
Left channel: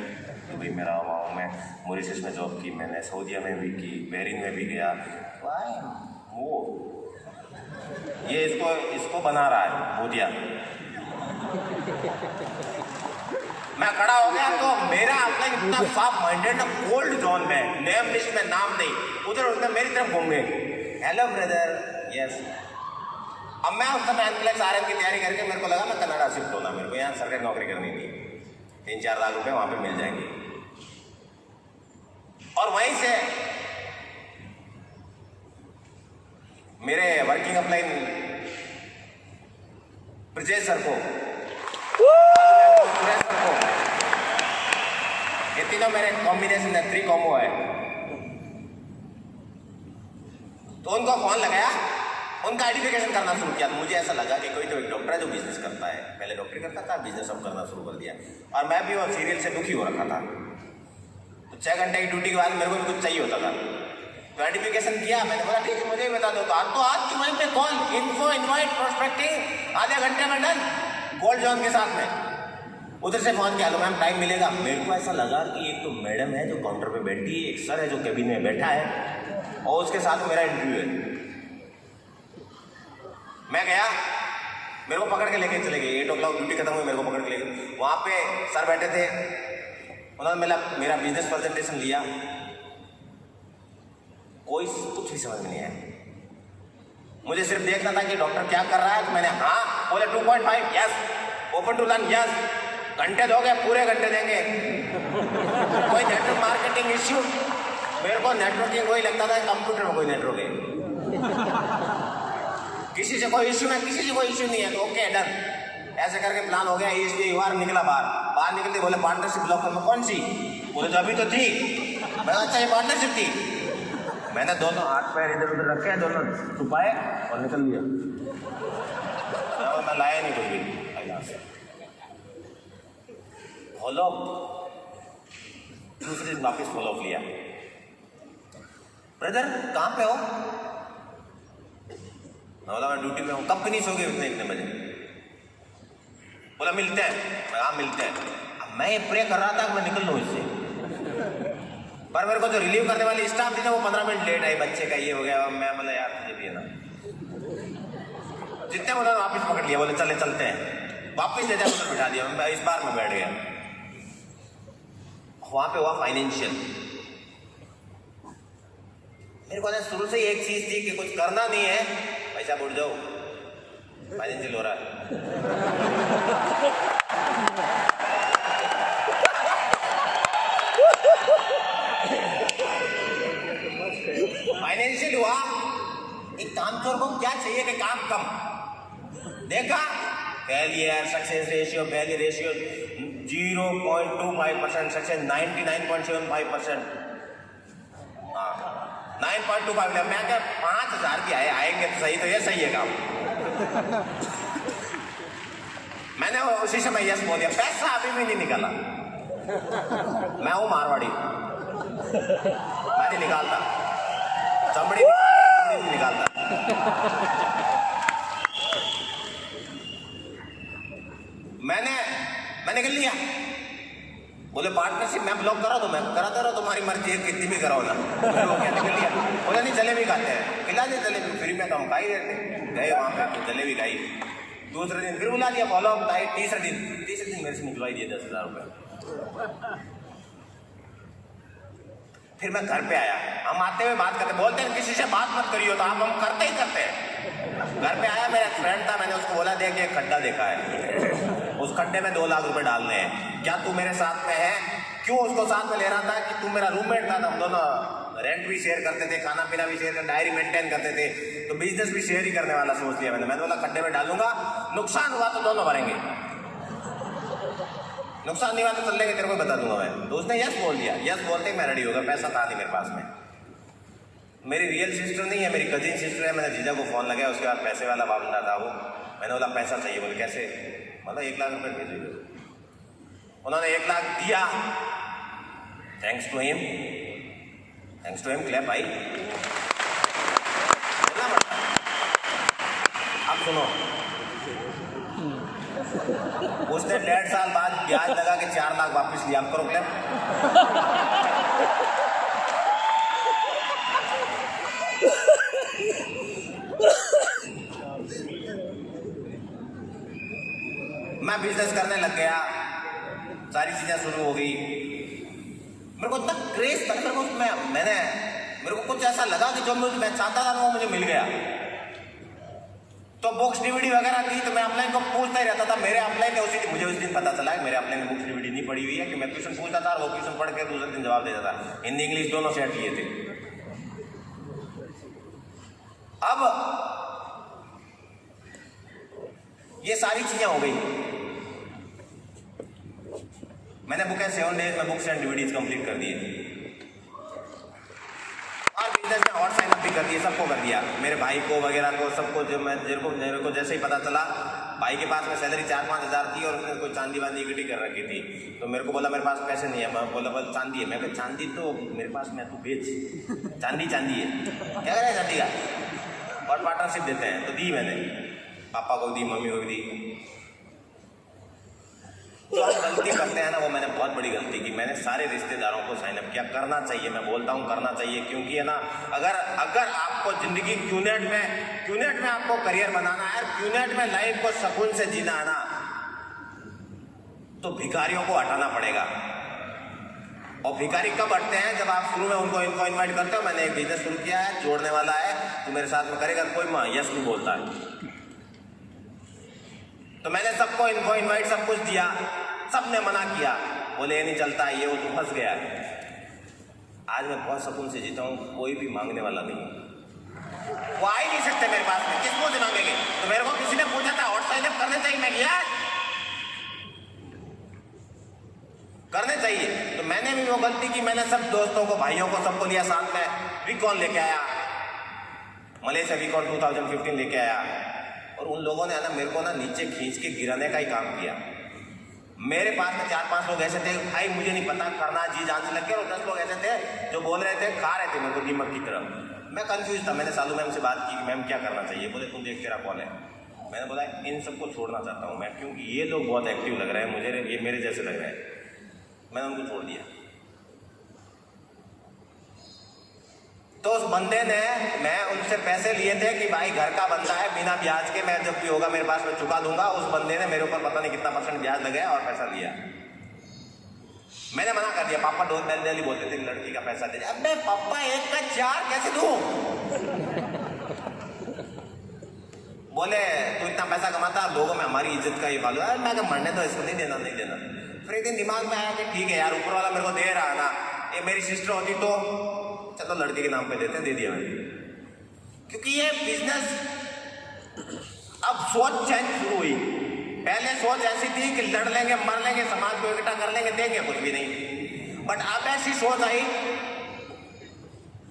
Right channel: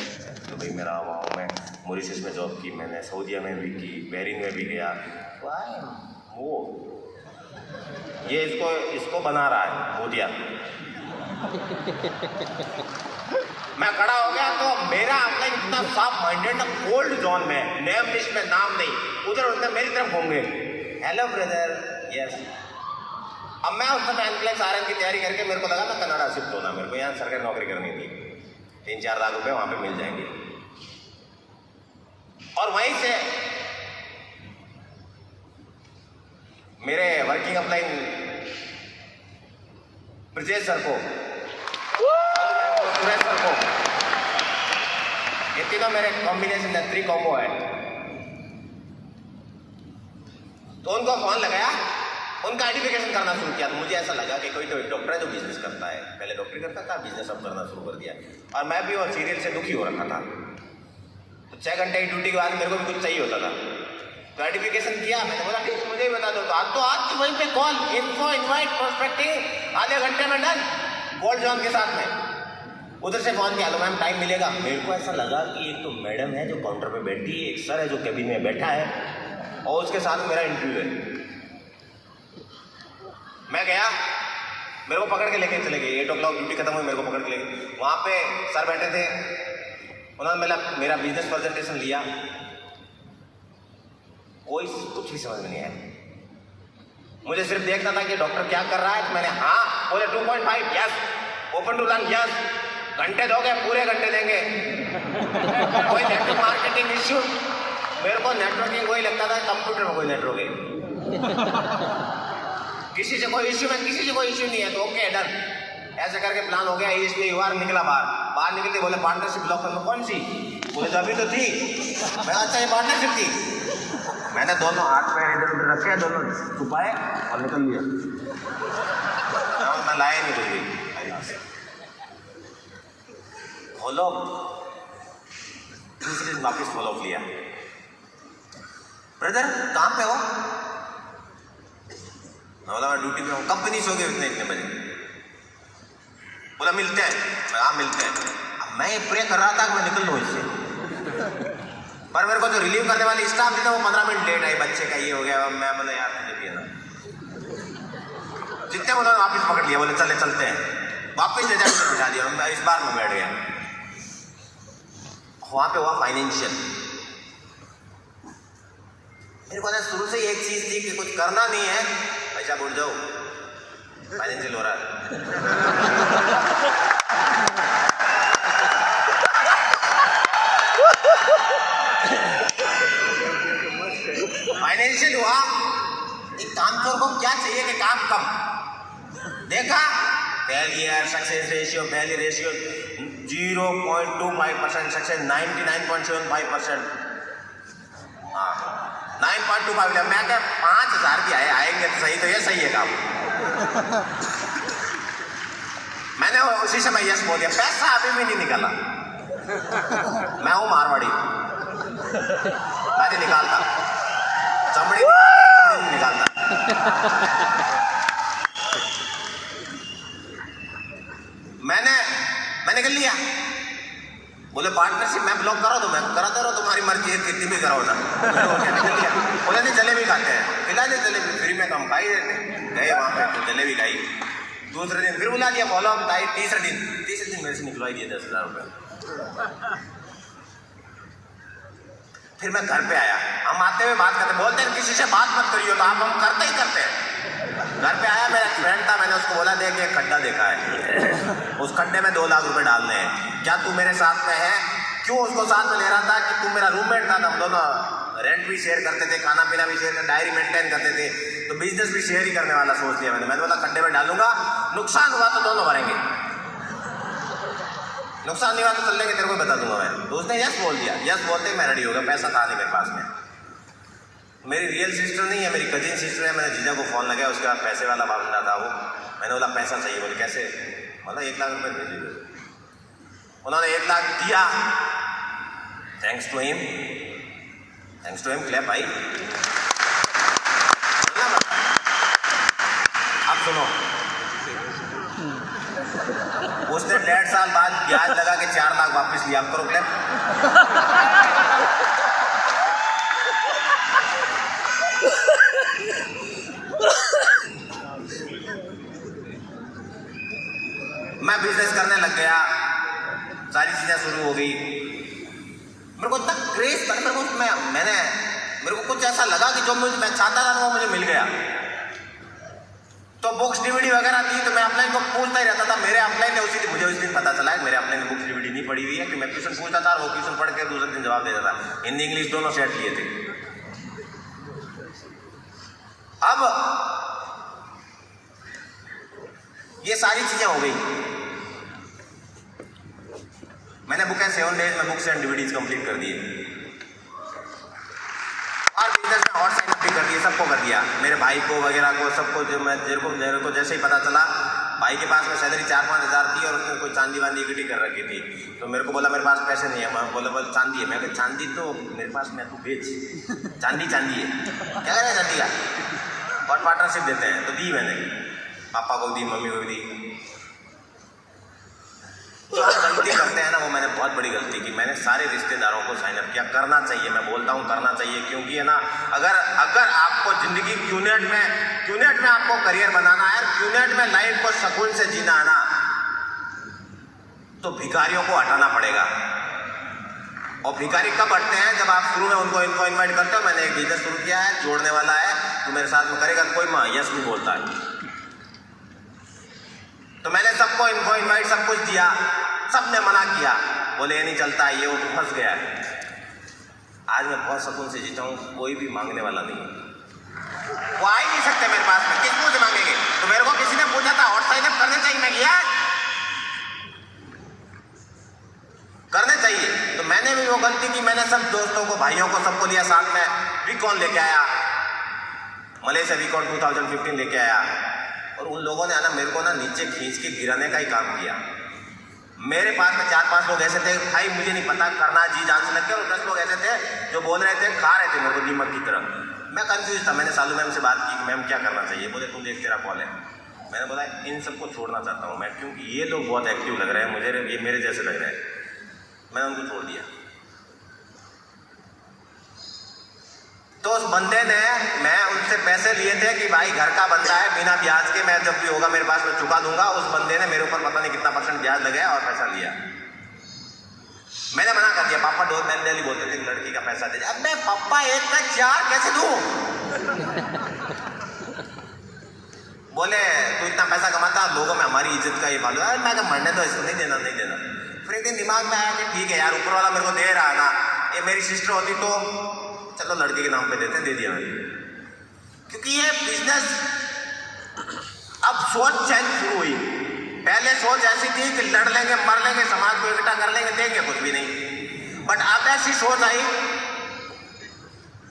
तो भाई मेरा वहाँ मैं मॉरिशस में जॉब की, मैंने सऊदीया में भी की, बहरीन में भी गया। वो ये इसको बना रहा है मोदिया। मैं खड़ा हो गया तो मेरा अपना इतना साफ माइंडेड ना, कोल्ड जोन में, नेम लिस्ट में नाम नहीं, उधर मेरी तरफ घूमे। Hello brother, yes. अब मैं उस समय एनक्लेक्स आरएम की तैयारी करके मेरे को लगा मैं कनाडा शिफ्ट होना, मेरे को यहाँ सरकारी नौकरी करनी थी, 3-4 लाख रुपए वहाँ पे मिल जाएंगे। और वहीं से मेरे वर्किंग अपलाइन ब्रजेश सर को, ये तीनों मेरे कॉम्बिनेशन है, 3 कॉम्बो है। तो उनको फोन लगाया, उनका आइडेंटिफिकेशन करना शुरू किया। तो मुझे ऐसा लगा कि कोई तो एक डॉक्टर है जो बिजनेस करता है, पहले डॉक्टरी करता था, बिजनेस अब करना शुरू कर दिया। और मैं भी और सीरियल से दुखी हो रखा था। तो 6 घंटे की ड्यूटी के बाद मेरे को भी कुछ चाहिए होता था। तो आइडेंटिफिकेशन किया, मैंने बोला ठीक है मुझे भी बता दो। तो आज की वहीं पे कॉल, इन्फो, इन्वाइट, प्रोस्पेक्टिंग, आधे घंटे में डन, गोल्ड जोन के साथ में। उधर से फोन किया, लो मैम टाइम मिलेगा। मेरे को ऐसा लगा कि एक तो मैडम है जो काउंटर पे बैठी है, एक सर है जो कैबिन में बैठा है, और उसके साथ मेरा इंटरव्यू है। मैं गया, मेरे को पकड़ के लेके चले गए। 8 o'clock ड्यूटी खत्म हुई, मेरे को पकड़ के ले गए। वहाँ पे सर बैठे थे, उन्होंने मेरा बिजनेस प्रेजेंटेशन लिया। कोई कुछ भी समझ में नहीं आया। मुझे सिर्फ देखना था कि डॉक्टर क्या कर रहा है। तो मैंने हाँ बोले 2.5 yes, open to learn yes. घंटे दोगे? पूरे घंटे देंगे। कोई नेटवर्क मार्केटिंग इश्यू, मेरे को नेटवर्किंग वही लगता था कंप्यूटर में कोई नेटवर्क है। किसी से कोई इश्यू, में किसी से कोई इश्यू नहीं है तो ओके डन। ऐसे करके प्लान हो गया। इसलिए बार निकला, बाहर निकलते बोले पार्टनरशिप ब्लॉकर में कौन सी? बोले तो अभी तो थी। मैं अच्छा ये पार्टनरशिप थी। मैंने दोनों हाथ पैर इधर उधर रखे, दोनों छुपाए और निकल लिया। मैं लाया नहीं कुछ फॉलो, दूसरे दिन वापिस फॉलो लिया। ब्रदर कहाँ पे हो? बोला मैं ड्यूटी में हूँ। कंपनी सो गए इतने बजे। बोला मिलते हैं। हाँ मिलते हैं। अब मैं ये प्रे कर रहा था कि मैं निकल लूँ इससे, पर मेरे को जो रिलीव करने वाली स्टाफ थी ना वो 15 मिनट लेट आई। बच्चे का ये हो गया। मैं बोला यार मुझे भी है ना, जितने बोला वापस पकड़ लिया। बोले चलते हैं। वापस ले जाकर बिठा दिया। इस बार मैं बैठ गया। वहाँ पे हुआ फाइनेंशियल। मेरे को ना शुरू से एक चीज थी कि कुछ करना नहीं है, पैसा उड़ जाओ, फाइनेंशियल हो रहा है। फाइनेंशियल हुआ। एक काम चोर को क्या चाहिए कि काम कम। देखा failure success ratio, failure ratio 0.25%, success 99.75%। हाँ 9.25। मैं क्या 5,000 भी आएंगे तो सही, तो ये सही है काम। मैंने उसी समय यस बोल दिया। पैसा अभी भी नहीं निकाला। मैं हूँ मारवाड़ी, मैं नहीं निकालता चमड़ी, नहीं निकालता। मैं निकल लिया। बोले पार्टनरशिप मैं ब्लॉक करा तो मैं कराता रहो, तुम्हारी मर्जी है, कितनी भी कराओ ना। तो क्या निकल लिया। बोले नहीं जलेबी खाते हैं, खिला दे जलेबी, फ्री में तो हम खा ही रहते। गए वहाँ पे तो जलेबी खाई। दूसरे दिन फिर बुला लिया, फॉलो अप आई। तीसरे दिन मेरे से निकलवाई दिए 10,000 रुपये। फिर मैं घर पे आया, हम आते हुए बात करते, बोलते हैं किसी से बात मत करियो, तो हम करते ही करते हैं। घर पे आया, मेरा फ्रेंड था, मैंने उसको बोला देख एक खड्डा देखा है, उस खड्डे में 2 लाख रुपए डालने हैं, क्या तू मेरे साथ में है? क्यों उसको साथ में ले रहा था कि तू मेरा रूममेट था, हम दोनों रेंट भी शेयर करते थे, खाना पीना भी शेयर करते, डायरी मेंटेन करते थे, तो बिजनेस भी शेयर ही करने वाला सोच लिया मैंने बोला खड्डे में डालूंगा, नुकसान हुआ तो दोनों भरेंगे, नुकसान नहीं हुआ तो चल लेंगे, तेरे को बता दूंगा मैं। तो उसने यस बोल दिया, यस बोलते ही मैं रेडी हो गया। पैसा था नहीं मेरे पास में। मेरी रियल सिस्टर नहीं है, मेरी कजिन सिस्टर है। मैंने जीजा को फ़ोन लगाया, उसके बाद पैसे वाला बंदा था वो, मैंने बोला पैसा चाहिए, बोले कैसे? मतलब 1 लाख रुपये भेजे। उन्होंने 1 लाख दिया। थैंक्स टू हिम, क्लैप भाई। अब सुनो, उसने 1.5 साल बाद ब्याज लगा के 4 लाख वापस लिया। अब करो क्लैप। मैं बिजनेस करने लग गया, सारी चीजें शुरू हो गई। मेरे को इतना क्रेज था, मेरे को कुछ ऐसा लगा कि जो मैं चाहता था वो मुझे मिल गया। तो बुक्स डीवीडी वगैरह थी, तो मैं अपलाइन को पूछता ही रहता था। मेरे अपलाइन ने उसी दिन, मुझे उस दिन पता चला कि मेरे अपलाइन ने बुक्स डीवीडी नहीं पढ़ी हुई है, कि मैं क्वेश्चन पूछता था और वो क्वेश्चन पढ़ के दूसरे दिन जवाब देता था। हिंदी इंग्लिश दोनों सेट लिए थे। अब ये सारी चीजें हो गई। मैंने बुक 7 डेज में बुक्स एंड डीवीडीज कंप्लीट कर दिए और बिजनेस में हॉट साइन अप भी कर दिए, सबको कर दिया, मेरे भाई को वगैरह को, सबको। जो मेरे को जैसे ही पता चला, भाई के पास में सैलरी 4-5 हज़ार थी और उसने कोई चांदी वांदी इकट्ठी कर रखी थी, तो मेरे को बोला मेरे पास पैसे नहीं है। मैं बोला चांदी है। मैं कहा चांदी तो मेरे पास में, तू बेच, चांदी है, क्या करें चांदी का? और पार्टनरशिप देते हैं, तो दी मैंने, पापा को दी, मम्मी को भी दी। जो हम गलती करते हैं ना, वो मैंने बहुत बड़ी गलती की। मैंने सारे रिश्तेदारों को साइन अप किया। करना चाहिए, मैं बोलता हूँ करना चाहिए, क्योंकि है ना, अगर आपको ज़िंदगी क्यूनेट में आपको करियर बनाना है, क्यूनेट में लाइफ को सुकून से जीना है ना, तो भिखारियों को हटाना पड़ेगा। और भिखारी कब हटते हैं? जब आप शुरू में उनको इन्वाइट करते हो। मैंने एक बिजनेस शुरू किया है, जोड़ने वाला है, तो मेरे साथ में करेगा, तो कोई यस नहीं बोलता है। तो मैंने सबको इन्वाइट सब कुछ दिया, सबने मना किया, बोले ये नहीं चलता है, ये वो, तो फंस गया है। आज मैं बहुत सुकून से जीता हूँ, कोई भी मांगने वाला नहीं है। वो आ ही नहीं सकते मेरे पास में, किसको से मांगेंगे? तो मेरे को किसी ने पूछा था हॉट साइन अप करने चाहिए, मैं गया करने चाहिए। तो मैंने भी वो गलती की, मैंने सब दोस्तों को, भाइयों को, सबको लिया साथ में। वीकॉन लेके आया, मलेशिया वीकॉन 2015 लेके आया, और उन लोगों ने ना मेरे को ना नीचे खींच के गिराने का ही काम किया। मेरे पास में 4-5 लोग ऐसे थे, भाई मुझे नहीं पता, करना जी जान से लग गया। और 10 लोग ऐसे थे जो बोल रहे थे, खा रहे थे मेरे को दीमक की तरह। मैं कंफ्यूज था। मैंने सालू मैम से बात की, मैम क्या करना चाहिए? बोले तुम देख, तेरा कॉल है। मैंने बोला इन सबको छोड़ना चाहता हूँ मैं, क्योंकि ये लोग बहुत एक्टिव लग रहे हैं मुझे, ये मेरे जैसे लग रहे हैं। मैंने उनको छोड़ दिया। तो उस बंदे ने, मैं उनसे पैसे लिए थे कि भाई घर का बंदा है, बिना ब्याज के मैं जब भी होगा मेरे पास में चुका दूंगा। उस बंदे ने मेरे ऊपर पता नहीं कितना % ब्याज लगाया और पैसा लिया। मैंने मना कर दिया। पापा डेली बोलते थे लड़की का पैसा दे। अब मैं पापा 1 का 4 कैसे दूं? बोले तू इतना पैसा कमाता, लोगों में हमारी इज्जत का ये मालूम है। मैं कहा मरने तो इसको नहीं देना। फिर एक दिन दिमाग में आया कि ठीक है यार, ऊपर वाला मेरे को दे रहा है ना, ये मेरी सिस्टर होती तो चलो लड़के के नाम पे देते, दे दिया मैंने। क्योंकि ये बिजनेस, अब सोच चेंज शुरू हुई। पहले सोच ऐसी थी कि लड़ लेंगे, मर लेंगे, समाज को इकट्ठा कर लेंगे, देंगे कुछ भी नहीं। बट अब ऐसी सोच आई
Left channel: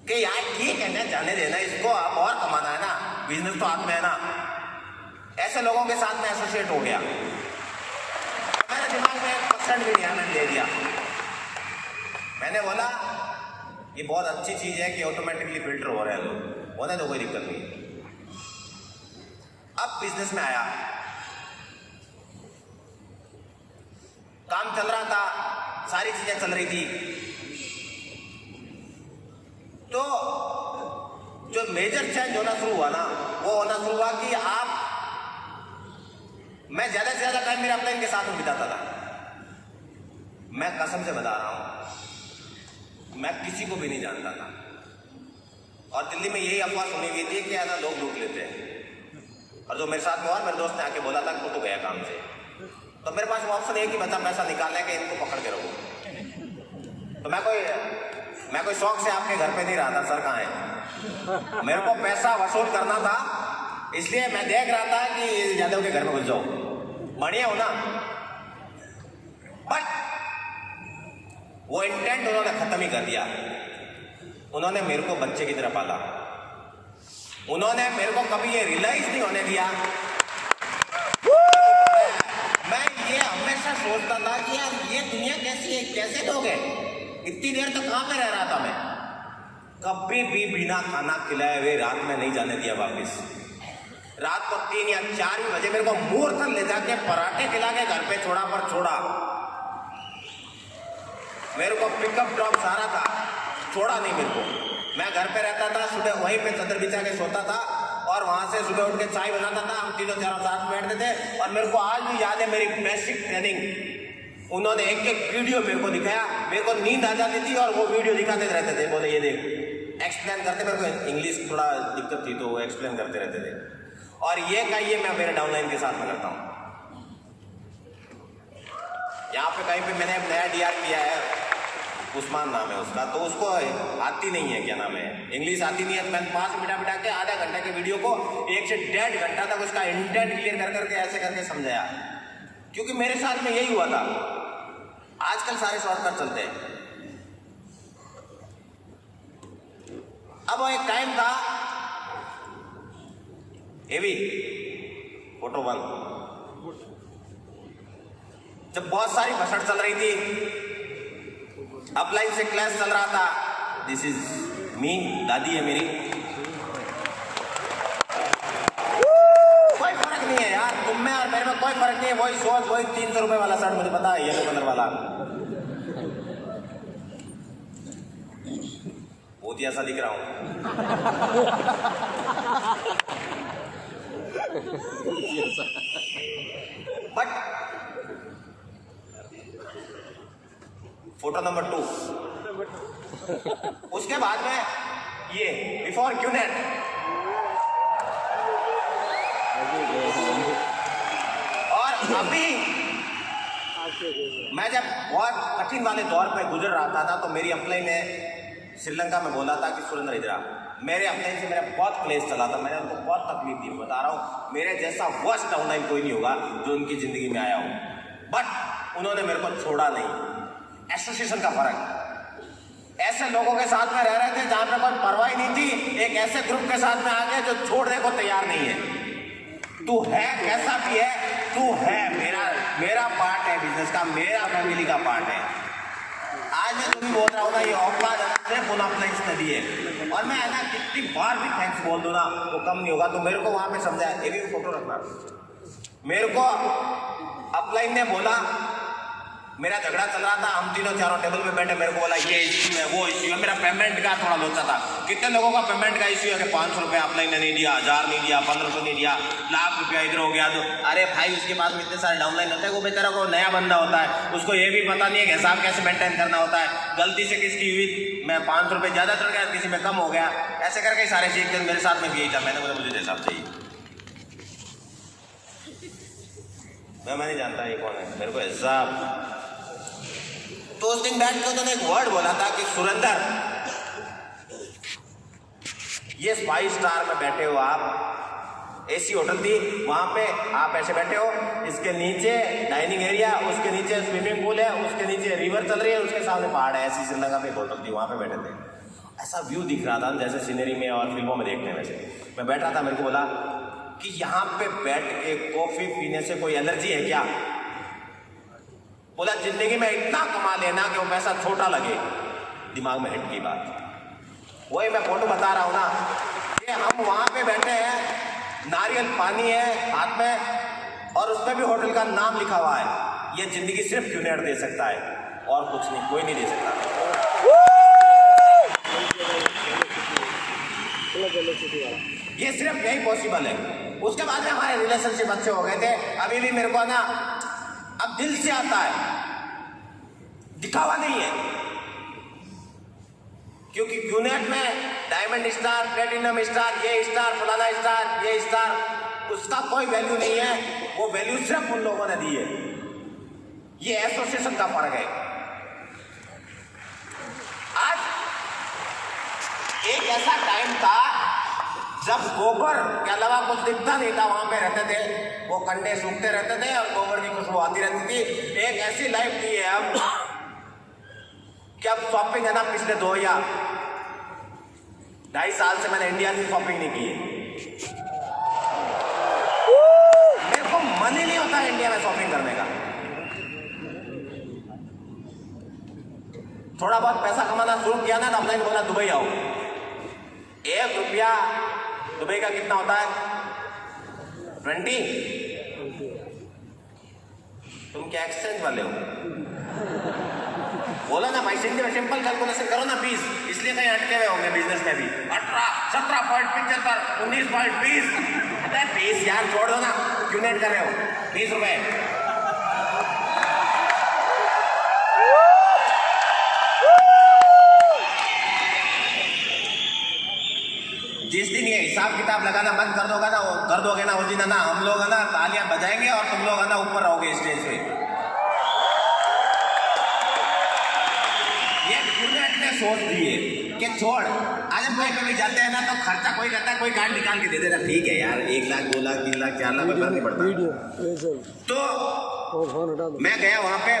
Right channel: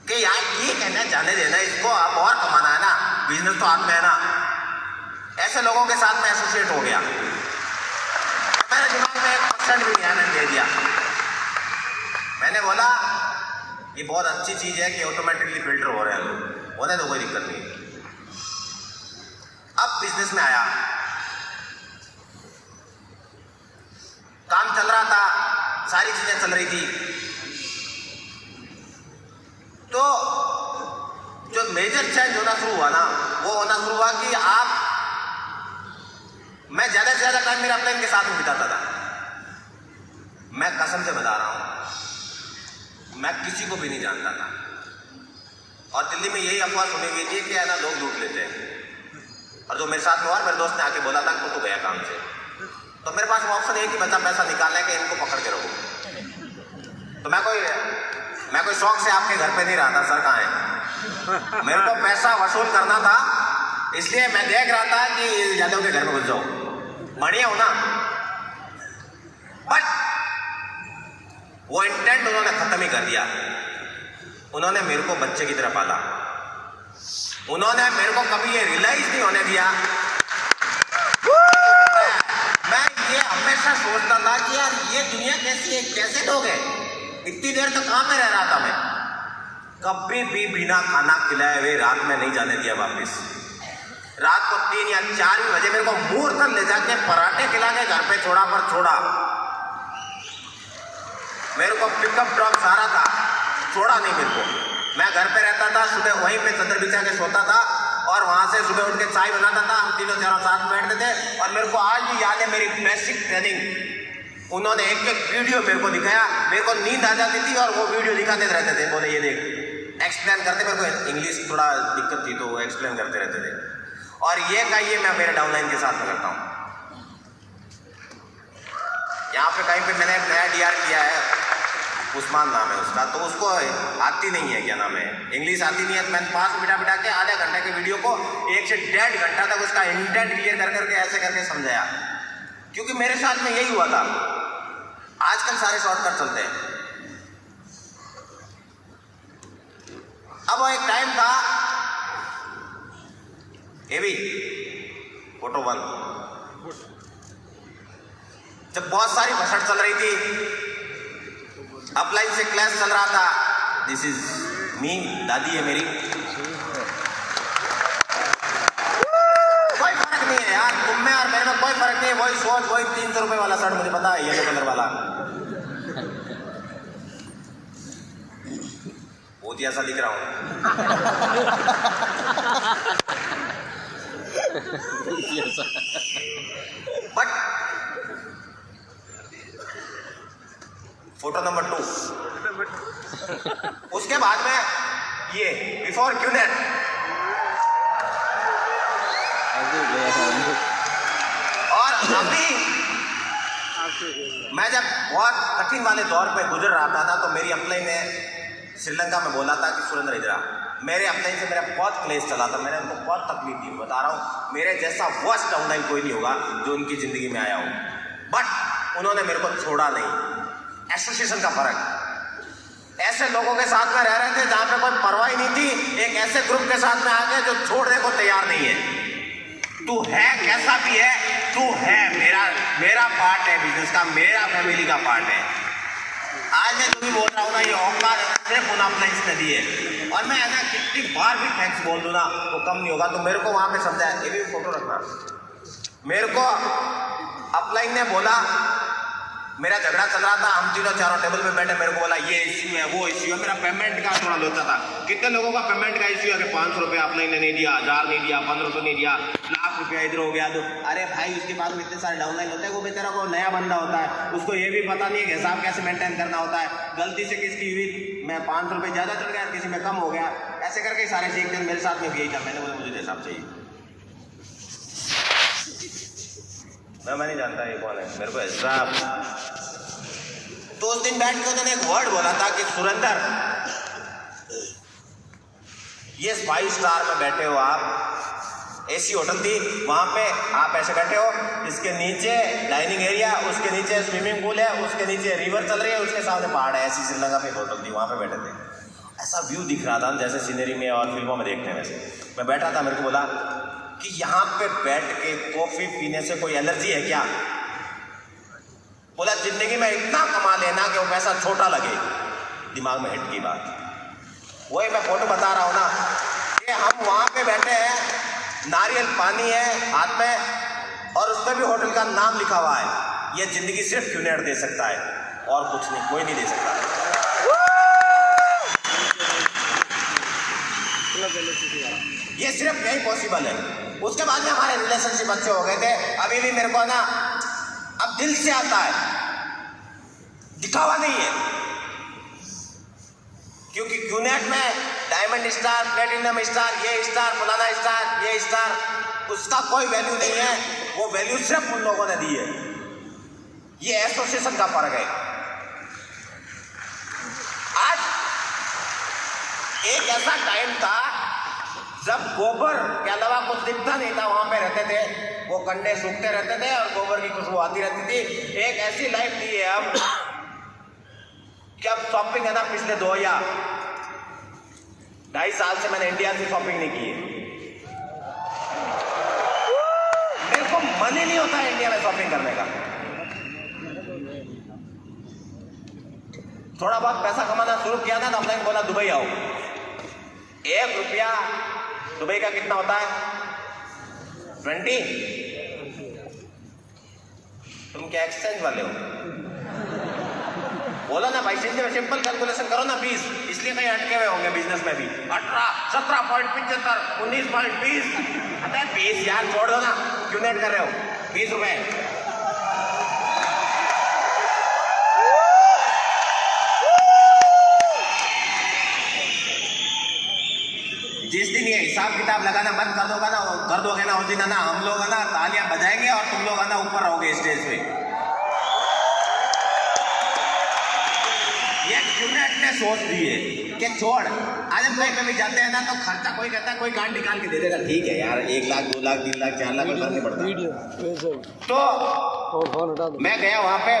कि यार ठीक है ना, जाने देना इसको, अब और कमाना है ना, बिजनेस तो हाथ में है ना। ऐसे लोगों के साथ में एसोसिएट हो गया। मैंने दिमाग में 1% भी ध्यान दे दिया। मैंने बोला ये बहुत अच्छी चीज है कि ऑटोमेटिकली फिल्टर हो रहे हैं लोग, होने तो कोई दिक्कत नहीं। अब बिजनेस में आया, काम चल रहा था, सारी चीजें चल रही थी। तो जो जो मेजर चेंज होना शुरू हुआ ना, वो होना शुरू हुआ कि मैं ज़्यादा से ज़्यादा टाइम मेरे अपलाइन के साथ में बिताता था। मैं कसम से बता रहा हूँ, मैं किसी को भी नहीं जानता था। और दिल्ली में यही अफवाह सुनी गई थी कि है ना लोग लूट लेते हैं। और जो मेरे साथ में और मेरे दोस्त ने आके बोला था कि तो गया काम से, तो मेरे पास वो ऑप्शन है कि बच्चा पैसा निकालना है कि इनको पकड़ के रखो। तो मैं कोई शौक से आपके घर पे नहीं रहा था, सर कहाँ है। मेरे को पैसा वसूल करना था, इसलिए मैं देख रहा था कि यादव के घर में घुस जाऊँ, बढ़िया हो ना। बट वो इंटेंट उन्होंने खत्म ही कर दिया। उन्होंने मेरे को बच्चे की तरह पाला। उन्होंने मेरे को कभी ये रियलाइज नहीं होने दिया। मैं ये हमेशा सोचता था कि यार ये दुनिया कैसी है, कैसे लोग हैं। इतनी देर तक कहाँ पे रह रहा था मैं। कभी भी बिना खाना खिलाए हुए रात में नहीं जाने दिया वापस। रात को 3 या 4 बजे मेरे को मूर्त ले जाके पराठे खिला के घर पे छोड़ा। मेरे को पिकअप ड्रॉप सारा था, छोड़ा नहीं मेरे को। मैं घर पे रहता था, सुबह वहीं पे चादर बिछा के सोता था और वहां से सुबह उठ के चाय बनाता था। हम तीनों चारों साथ बैठते थे। और मेरे को आज भी याद है मेरी बेसिक ट्रेनिंग। उन्होंने एक वीडियो मेरे को दिखाया, मेरे को नींद आ जाती थी और वो वीडियो दिखाते रहते थे। बोले ये देख, एक्सप्लेन करते। मेरे को इंग्लिश थोड़ा दिक्कत थी तो वो एक्सप्लेन करते रहते थे। और ये कहिए मैं मेरे डाउनलाइन के साथ में करता हूँ। यहाँ पे कहीं पे मैंने एक नया DR किया है, उस्मान नाम है उसका। तो उसको आती नहीं है, क्या नाम है, इंग्लिश आती नहीं है। तो मैंने 5 बिठा के आधा घंटे के वीडियो को 1 से 1.5 घंटा तक उसका इंटेंट क्लियर कर करके ऐसे करके समझाया। क्योंकि मेरे साथ में यही हुआ था। आजकल सारे शॉर्टकट चलते हैं। अब वो एक टाइम था, ये भी फोटो 1, जब बहुत सारी भसड़ चल रही थी, अपलाइन से क्लास चल रहा था। दिस इज मी, दादी है मेरी। कोई फर्क नहीं है यार, तुम में और मेरे में कोई फर्क नहीं है। वही सोच, वही 300 रुपए वाला शर्ट, मुझे पता है, येलो कलर वाला भूतिया सा दिख रहा हूं। बट फोटो नंबर 2, उसके बाद में ये बिफोर क्यूनेट। और अभी मैं जब बहुत कठिन वाले दौर पे गुजर रहा था तो मेरी अपलाइन ने श्रीलंका में बोला था कि सुरेंद्र इधर आ। मेरे अपलाइन से मेरा बहुत क्लेश चला था, मैंने उनको बहुत तकलीफ दी। बता रहा हूँ, मेरे जैसा वर्स्ट डाउनलाइन कोई नहीं होगा जो उनकी जिंदगी में आया हो। बट उन्होंने मेरे को छोड़ा नहीं। एसोसिएशन का फर्क, ऐसे लोगों के साथ में रह रहे थे जहां पे कोई परवाह ही नहीं थी। एक ऐसे ग्रुप के साथ में आ गए जो छोड़ने को तैयार नहीं है। तू है कैसा भी है, तू है मेरा पार्ट है बिजनेस का, मेरा फैमिली का पार्ट है। आज मैं जो भी बोल रहा हूँ ना, ये औकात सिर्फ उन अपने इसने दी है। और मैं ना कितनी बार भी थैंक्स बोल दूँ ना वो कम नहीं होगा। तो मेरे को वहां पे समझाया, ये भी फोटो रखना। मेरे को अपलाइन ने बोला, मेरा झगड़ा चल रहा था, हम तीनों चारों टेबल पे बैठे। मेरे को बोला ये इश्यू है, वो इश्यू है। मेरा पेमेंट का थोड़ा लोचा था। कितने लोगों का पेमेंट का इश्यू है कि 500 रुपये अपलाइन ने नहीं दिया, 1000 नहीं दिया, 1500 नहीं दिया, लाख रुपया इधर हो गया। तो अरे भाई, उसके पास में इतने सारे डाउनलाइन होते हैं। वो बेचारा को नया बंदा होता है, उसको ये भी पता नहीं है कि हिसाब कैसे मेंटेन करना होता है। गलती से किसकी हुई, मैं 500 रुपये ज़्यादा चढ़ गया, किसी में कम हो गया, ऐसे करके सारे सीखते। मेरे साथ में भी यही था। मैंने बोला मुझे हिसाब चाहिए। मैं नहीं जानता ये कौन है, मेरे को हिसाब। तो उस दिन बैठ के उन्होंने एक वर्ड बोला था कि सुरेंद्र, ये 5 स्टार में बैठे हो आप, AC होटल थी, वहां पे आप ऐसे बैठे हो, इसके नीचे डाइनिंग एरिया, उसके नीचे स्विमिंग पूल है, उसके नीचे रिवर चल रही है, उसके सामने पहाड़ है। ऐसी श्रीलंका पे होटल थी, वहां पे बैठे थे। ऐसा व्यू दिख रहा था जैसे सीनरी में और फिल्मों में देखने। वैसे मैं बैठा था, मेरे को बोला कि यहाँ पे बैठ के कॉफी पीने से कोई एलर्जी है क्या। बोला जिंदगी में इतना कमा लेना कि वो पैसा छोटा लगे। दिमाग में हिट की बात। वही मैं फोटो बता रहा हूँ ना कि हम वहाँ पे बैठे हैं, नारियल पानी है हाथ में और उसमें भी होटल का नाम लिखा हुआ है। ये जिंदगी सिर्फ क्यूनेट दे सकता है और कुछ नहीं, कोई नहीं दे सकता। ये सिर्फ यही पॉसिबल है। उसके बाद में हमारे रिलेशनशिप अच्छे हो गए थे। अभी भी मेरे को ना अब दिल से आता है, दिखावा नहीं है, क्योंकि क्यूनेट में डायमंड स्टार, प्लेटिनम स्टार, ये स्टार, फलाना स्टार, ये स्टार, उसका कोई वैल्यू नहीं है। वो वैल्यू सिर्फ उन लोगों ने दी है। ये एसोसिएशन का फर्क है। आज एक ऐसा टाइम था जब गोबर के अलावा कुछ दिखता नहीं था, वहां पे रहते थे, वो कंडे सूखते रहते थे और गोबर की खुशबू आती रहती थी। एक ऐसी लाइफ दी है हम कि अब शॉपिंग है ना, पिछले 2 या 2.5 साल से मैंने इंडिया की शॉपिंग नहीं की। मेरे को मन ही नहीं होता इंडिया में शॉपिंग करने का। थोड़ा बहुत पैसा कमाना शुरू किया ना तो अपने बोला दुबई आओ। 1 रुपया दुबई का कितना होता है? 20। तुम क्या एक्सचेंज वाले हो? बोलो ना भाई, सिंपल कैलकुलेशन करो ना। 20, इसलिए कहीं अटके हुए होंगे बिजनेस में भी। 18, 17.75, 19.20। अरे 20 यार छोड़ दो ना, क्यों नोट कर रहे हो? 20 रुपए। जिस दिन ये हिसाब किताब लगाना बंद कर दोगे ना उस दिन है ना हम लोग है ना तालियां बजाएंगे और तुम लोग है ना ऊपर रहोगे स्टेज पे। ये क्यूनेट ने सोच दिए कि छोड़, आज हम कहीं पे भी जाते हैं ना तो खर्चा कोई कहता है, कोई कार्ड निकाल के दे देगा, ठीक है यार, 1 लाख 2 लाख 3 लाख 4 लाख नहीं पड़ता। तो मैं गया वहां पे।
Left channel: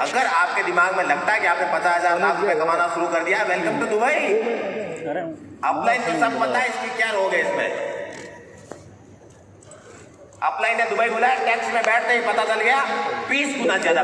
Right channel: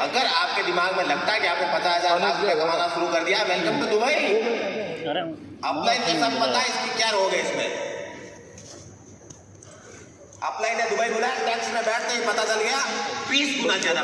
अगर आपके दिमाग में लगता है कि आपने 50,000 लाख रुपए कमाना शुरू कर दिया, वेलकम टू दुबई। अपलाइन तो सब पता है इसकी क्या रोग है इसमें। अपलाइन ने दुबई बुलाया, टैक्स में बैठते ही पता चल गया 20 गुना ज्यादा